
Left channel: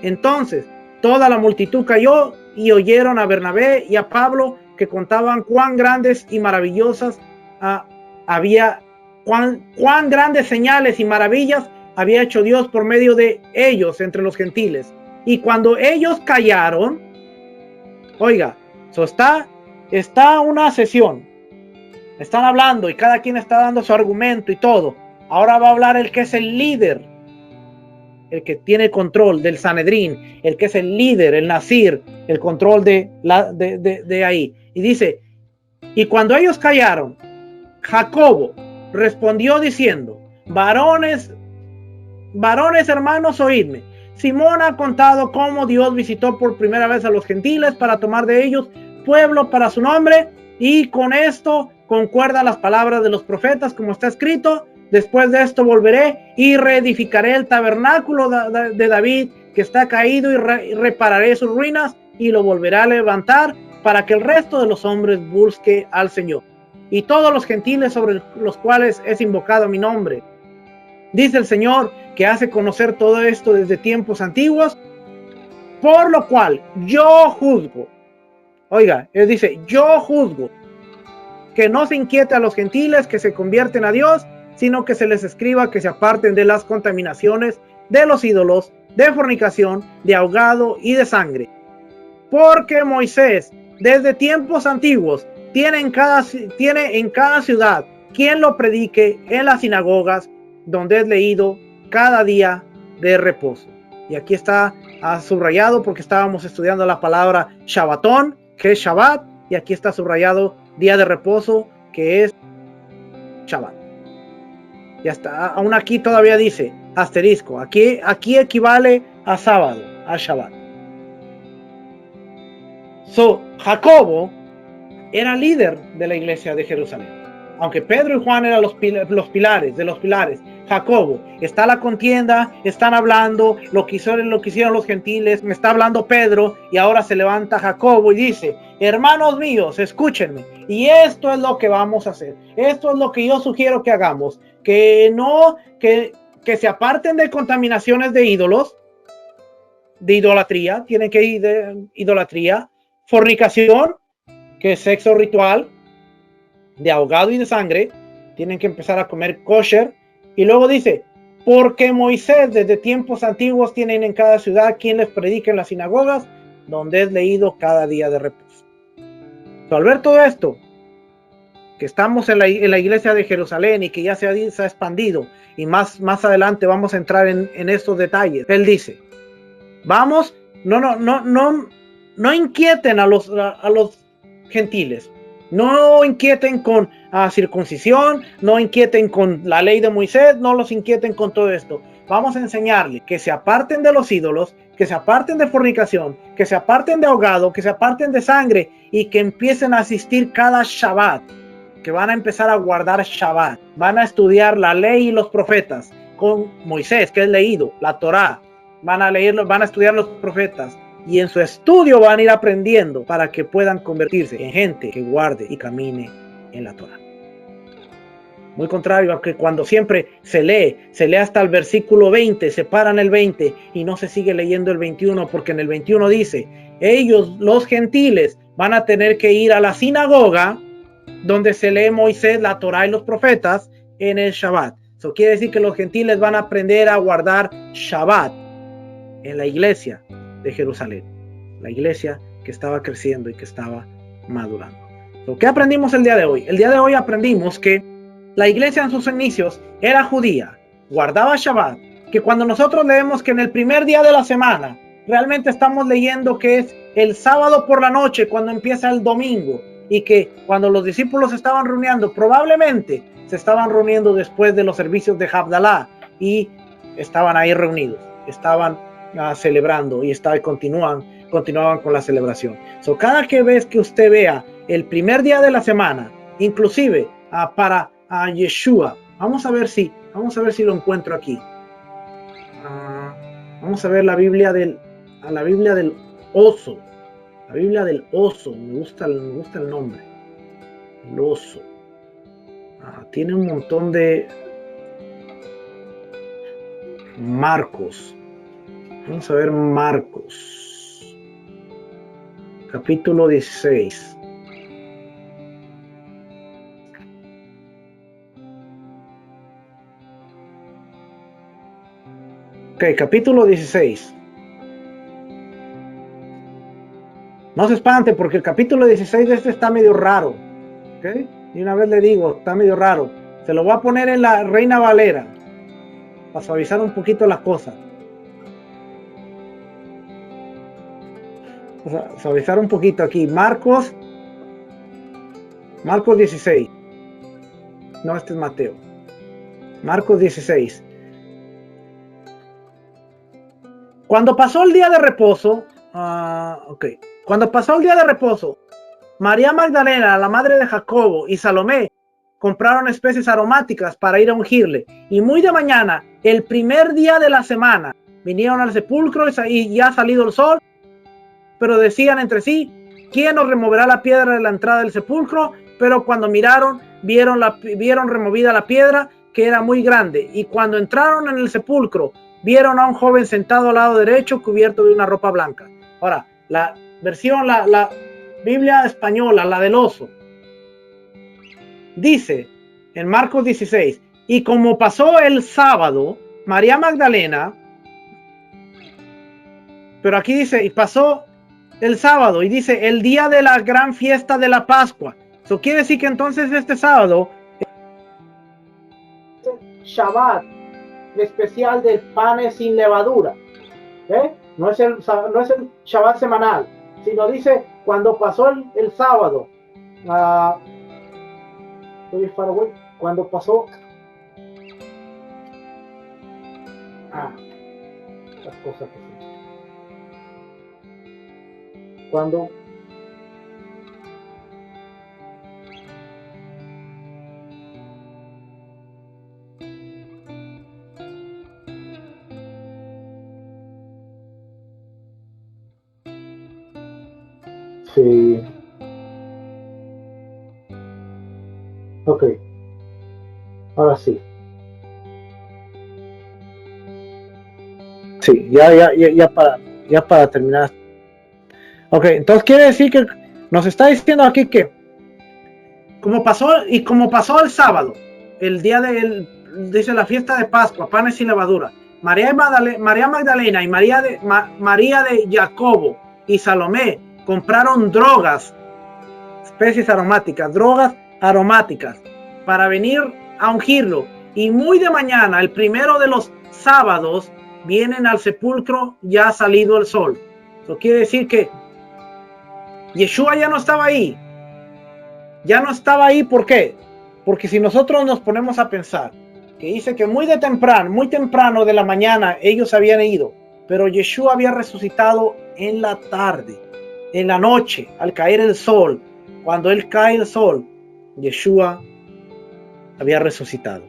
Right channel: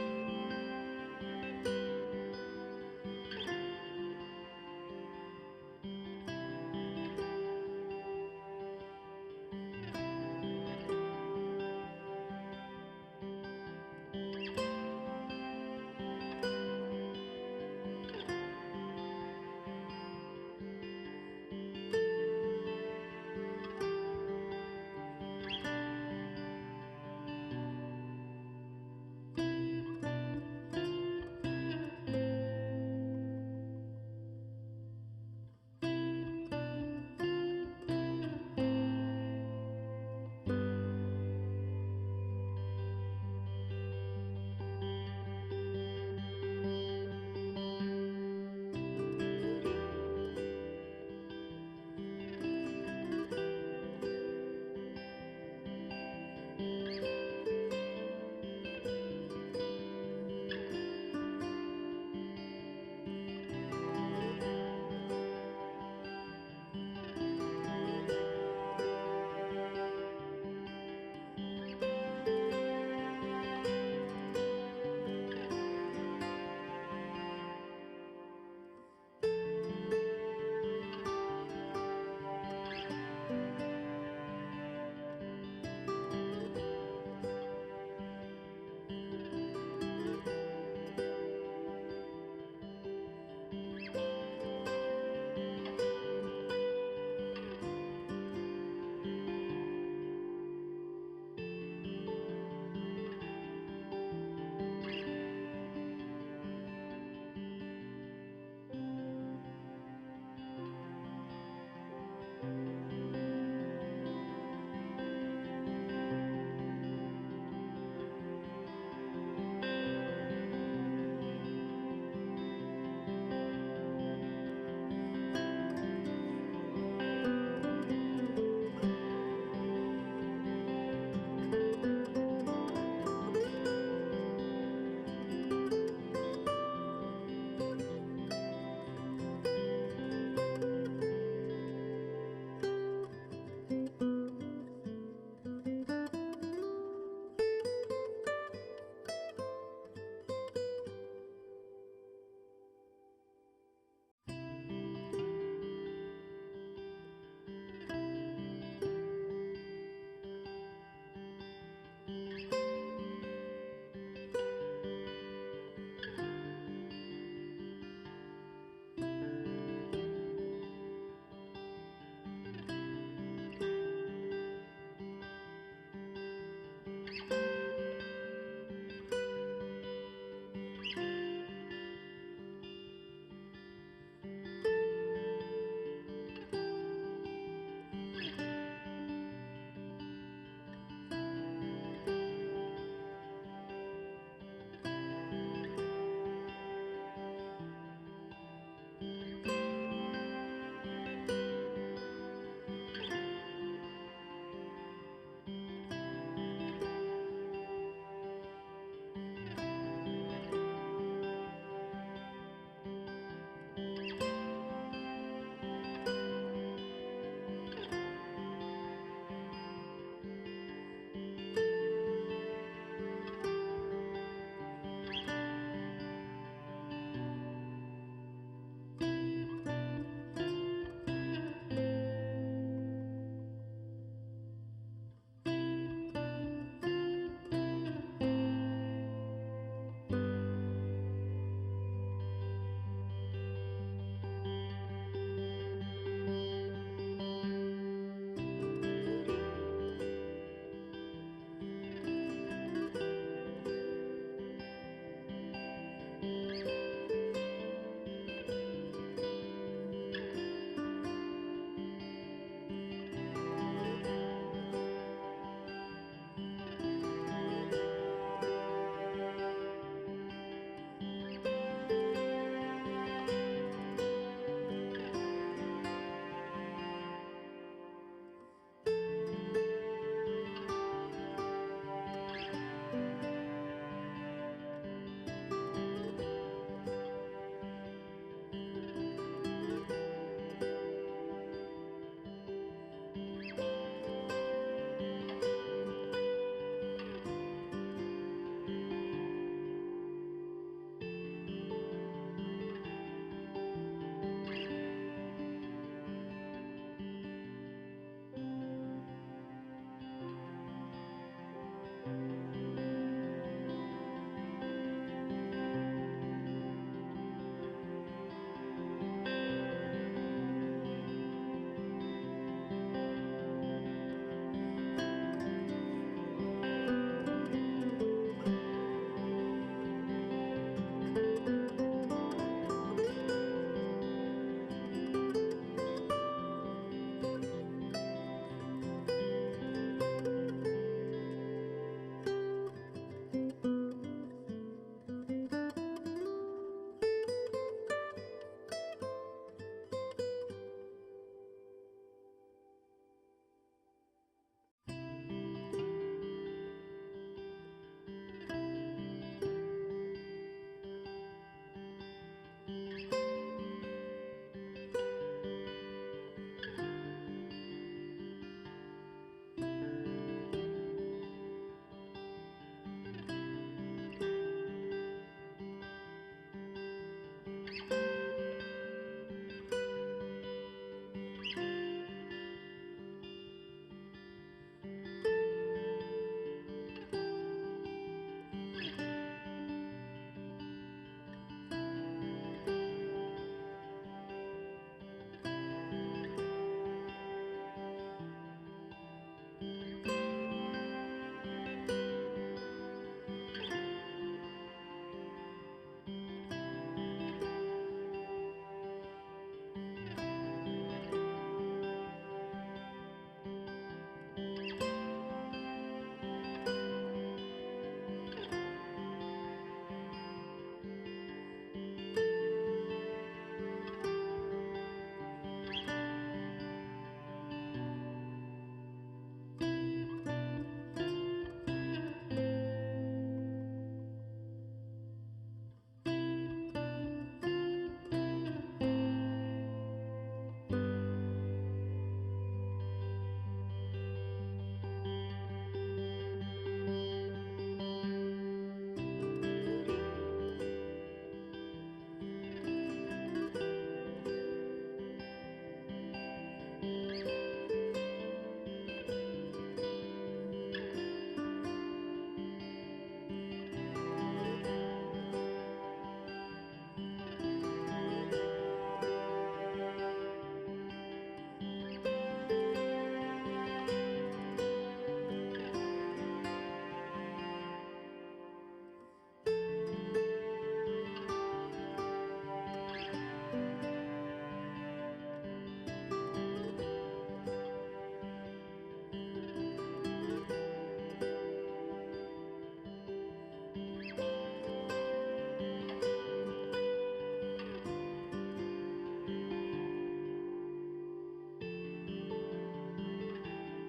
Entonces, toda la multitud cayó y oyeron a Bernabé y a Pablo, que contaban cuán grandes y maravillosas cuán grandes señales y maravillas había hecho Dios por medio de ellos entre los gentiles. Y cuando ellos callaron, oiga, está una sesión, están hablando y cada quien está dando su argumento y todo. Ahora va a hablar el que es el líder, el que tiene control del Sanedrín, el que es el líder, el Nazir, el control de ahí. Y dice: y cuando ellos callaron, Jacobo respondió diciendo: varones hermanos, oídme. Simón ha contado cómo Dios visitó por primera vez a los gentiles para tomar de ellos pueblo para su nombre, y con esto concuerdan las palabras de los profetas, como está escrito: después de esto volveré y reedificaré el tabernáculo de David que está caído, y repararé sus ruinas y lo volveré a levantar, para que el resto de los hombres busque al Señor, y todos los gentiles sobre los cuales es invocado mi nombre. Dice el Señor, que hace conocer todo esto desde tiempos antiguos, por lo cual yo juzgo. Oiga, él dice: yo juzgo que no se inquiete a los gentiles que se convierten a Dios, sino que se les escriba que se aparten de las contaminaciones de los ídolos, de fornicación, de ahogado y de sangre. Porque Moisés, desde tiempos antiguos, tiene en cada ciudad quien lo predique en las sinagogas, donde es leído cada día de reposo. Y aquí está subrayado, porque estábamos estudiando la palabra Shabbatón, que es Shabbat, y aquí está subrayado día de reposo, que es Shabbat. Ya está, aún aquí todavía dice asterisco, aquí equivale a sábado, a Shabbat. Jacobo era líder de la iglesia de Jerusalén. Aunque Pedro y Juan eran los pilares de los pilares, Jacobo, está la contienda, están hablando, lo que hicieron los gentiles, me está hablando Pedro, y ahora se levanta Jacobo y dice: hermanos míos, escúchenme, y esto es lo que vamos a hacer, esto es lo que yo sugiero que hagamos, que se aparten de contaminaciones de ídolos, de idolatría, tienen que ir de idolatría, fornicación, que es sexo ritual, de ahogado y de sangre, tienen que empezar a comer kosher. Y luego dice: porque Moisés desde tiempos antiguos tienen en cada ciudad quien les predique en las sinagogas, donde es leído cada día de reposo. Al ver todo esto, que estamos en la iglesia de Jerusalén y que ya se ha expandido, y más adelante vamos a entrar en estos detalles, él dice: vamos, no inquieten a los gentiles, no inquieten con circuncisión, no inquieten con la ley de Moisés, no los inquieten con todo esto. Vamos a enseñarles que se aparten de los ídolos, que se aparten de fornicación, que se aparten de ahogado, que se aparten de sangre, y que empiecen a asistir cada Shabbat, que van a empezar a guardar Shabbat, van a estudiar la ley y los profetas con Moisés, que es leído, la Torá, van a estudiar los profetas, y en su estudio van a ir aprendiendo para que puedan convertirse en gente que guarde y camine en la Torá. Muy contrario a que cuando siempre se lee hasta el versículo 20, se para en el 20 y no se sigue leyendo el 21, porque en el 21 dice: ellos, los gentiles, van a tener que ir a la sinagoga donde se lee Moisés, la Torá y los profetas en el Shabbat. Eso quiere decir que los gentiles van a aprender a guardar Shabbat en la iglesia de Jerusalén, la iglesia que estaba creciendo y que estaba madurando. ¿Qué aprendimos el día de hoy? El día de hoy aprendimos que la iglesia en sus inicios era judía, guardaba Shabbat, que cuando nosotros leemos que en el primer día de la semana, realmente estamos leyendo que es el sábado por la noche cuando empieza el domingo, y que cuando los discípulos se estaban reuniendo, probablemente se estaban reuniendo después de los servicios de Havdalah y estaban ahí reunidos, estaban celebrando y continuaban con la celebración. Cada vez que usted vea el primer día de la semana, inclusive para Yeshua, vamos a ver si lo encuentro aquí. Vamos a ver la Biblia del oso. La Biblia del oso, me gusta el nombre. El oso. Tiene un montón de Marcos. Vamos a ver Marcos. Capítulo 16. Ok, capítulo 16. No se espante porque el capítulo 16 de este está medio raro. ¿Okay? Y una vez le digo, está medio raro. Se lo voy a poner en la Reina Valera para suavizar un poquito las cosas. Suavizar un poquito aquí. Marcos 16. No, este es Mateo. Marcos 16. Cuando pasó el día de reposo, Cuando pasó el día de reposo, María Magdalena, la madre de Jacobo, y Salomé compraron especies aromáticas para ir a ungirle. Y muy de mañana, el primer día de la semana, vinieron al sepulcro y ya ha salido el sol, pero decían entre sí, ¿quién nos removerá la piedra de la entrada del sepulcro? Pero cuando miraron, vieron removida la piedra, que era muy grande. Y cuando entraron en el sepulcro, vieron a un joven sentado al lado derecho, cubierto de una ropa blanca. Ahora, la versión, la Biblia española, la del oso, dice en Marcos 16, y como pasó el sábado, María Magdalena, pero aquí dice, y pasó el sábado, y dice, el día de la gran fiesta de la Pascua. Eso quiere decir que entonces este sábado, Shabbat especial del panes sin levadura. No es el Shabbat semanal, sino dice cuando pasó el sábado, cuando pasó las cosas cuando sí. Ok. Ahora sí. Sí, ya para terminar. Ok, entonces quiere decir que nos está diciendo aquí que como pasó el sábado, el día dice la fiesta de Pascua, panes sin levadura, María Magdalena y María de Jacobo y Salomé compraron especies aromáticas, drogas aromáticas para venir a ungirlo. Y muy de mañana, el primero de los sábados, vienen al sepulcro ya ha salido el sol. Eso quiere decir que Yeshua ya no estaba ahí. Ya no estaba ahí, ¿por qué? Porque si nosotros nos ponemos a pensar, que dice que muy temprano de la mañana ellos habían ido, pero Yeshua había resucitado en la tarde, en la noche, al caer el sol. Cuando él cae el sol, Yeshua había resucitado.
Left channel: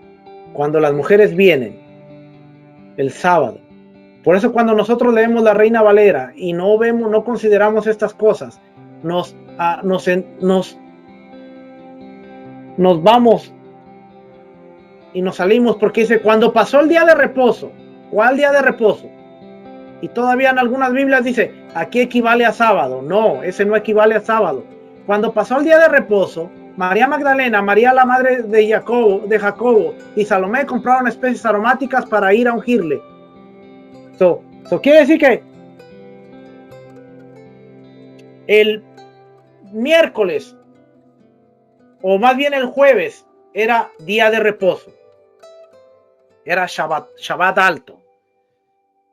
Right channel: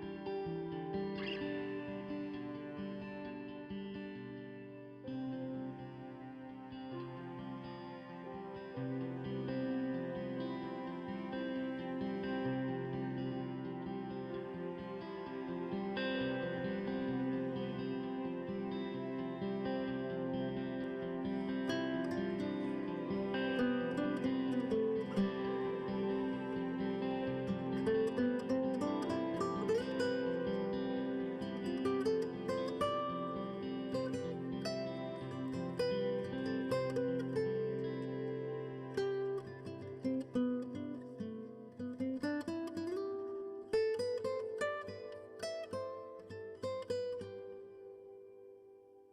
Cuando las mujeres vienen el sábado, por eso cuando nosotros leemos la Reina Valera y no consideramos estas cosas, nos vamos y nos salimos, porque dice cuando pasó el día de reposo, ¿cuál día de reposo? Y todavía en algunas Biblias dice aquí equivale a sábado. No, ese no equivale a sábado. Cuando pasó el día de reposo, María Magdalena, María la madre de Jacobo y Salomé compraron especies aromáticas para ir a ungirle. So quiere decir que el miércoles, o más bien el jueves, era día de reposo. Era Shabbat alto.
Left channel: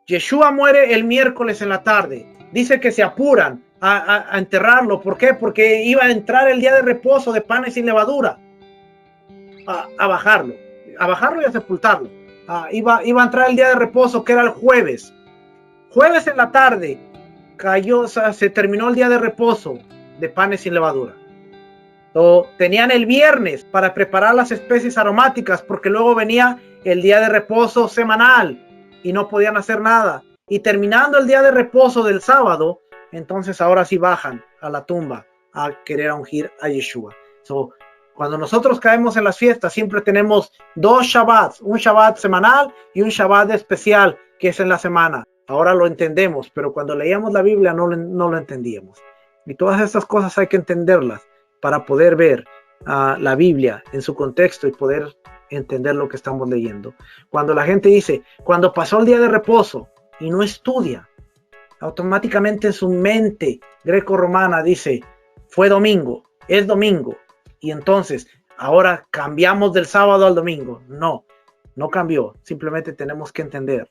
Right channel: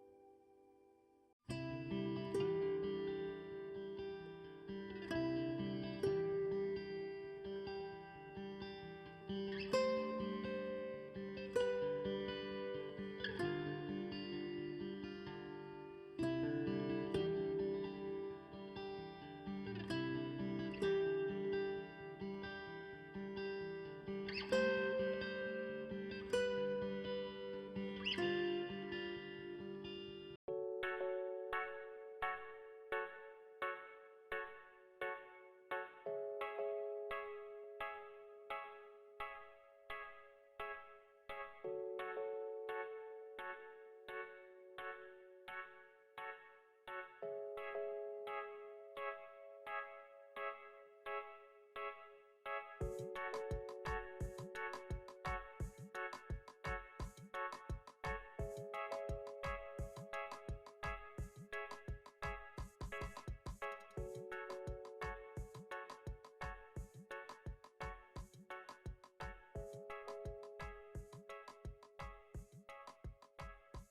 Yeshua muere el miércoles en la tarde. Dice que se apuran a enterrarlo. ¿Por qué? Porque iba a entrar el día de reposo de panes sin levadura. A bajarlo y a sepultarlo. Iba a entrar el día de reposo, que era el jueves. Jueves en la tarde se terminó el día de reposo de panes sin levadura. Tenían el viernes para preparar las especies aromáticas, porque luego venía el día de reposo semanal y no podían hacer nada. Y terminando el día de reposo del sábado, entonces ahora sí bajan a la tumba a querer ungir a Yeshua. Cuando nosotros caemos en las fiestas, siempre tenemos dos Shabbats, un Shabbat semanal y un Shabbat especial, que es en la semana. Ahora lo entendemos, pero cuando leíamos la Biblia no lo entendíamos. Y todas estas cosas hay que entenderlas para poder ver la Biblia en su contexto y poder entender lo que estamos leyendo. Cuando la gente dice, cuando pasó el día de reposo y no estudia, automáticamente en su mente greco-romana dice, fue domingo, es domingo. Y entonces, ahora cambiamos del sábado al domingo. No cambió. Simplemente tenemos que entender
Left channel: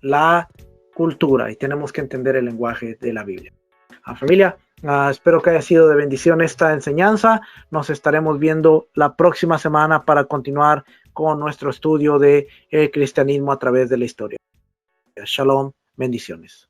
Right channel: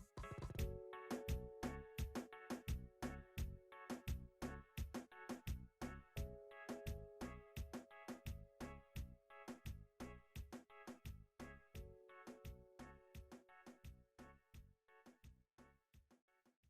la cultura y tenemos que entender el lenguaje de la Biblia. Familia, espero que haya sido de bendición esta enseñanza. Nos estaremos viendo la próxima semana para continuar con nuestro estudio de el cristianismo a través de la historia. Shalom, bendiciones.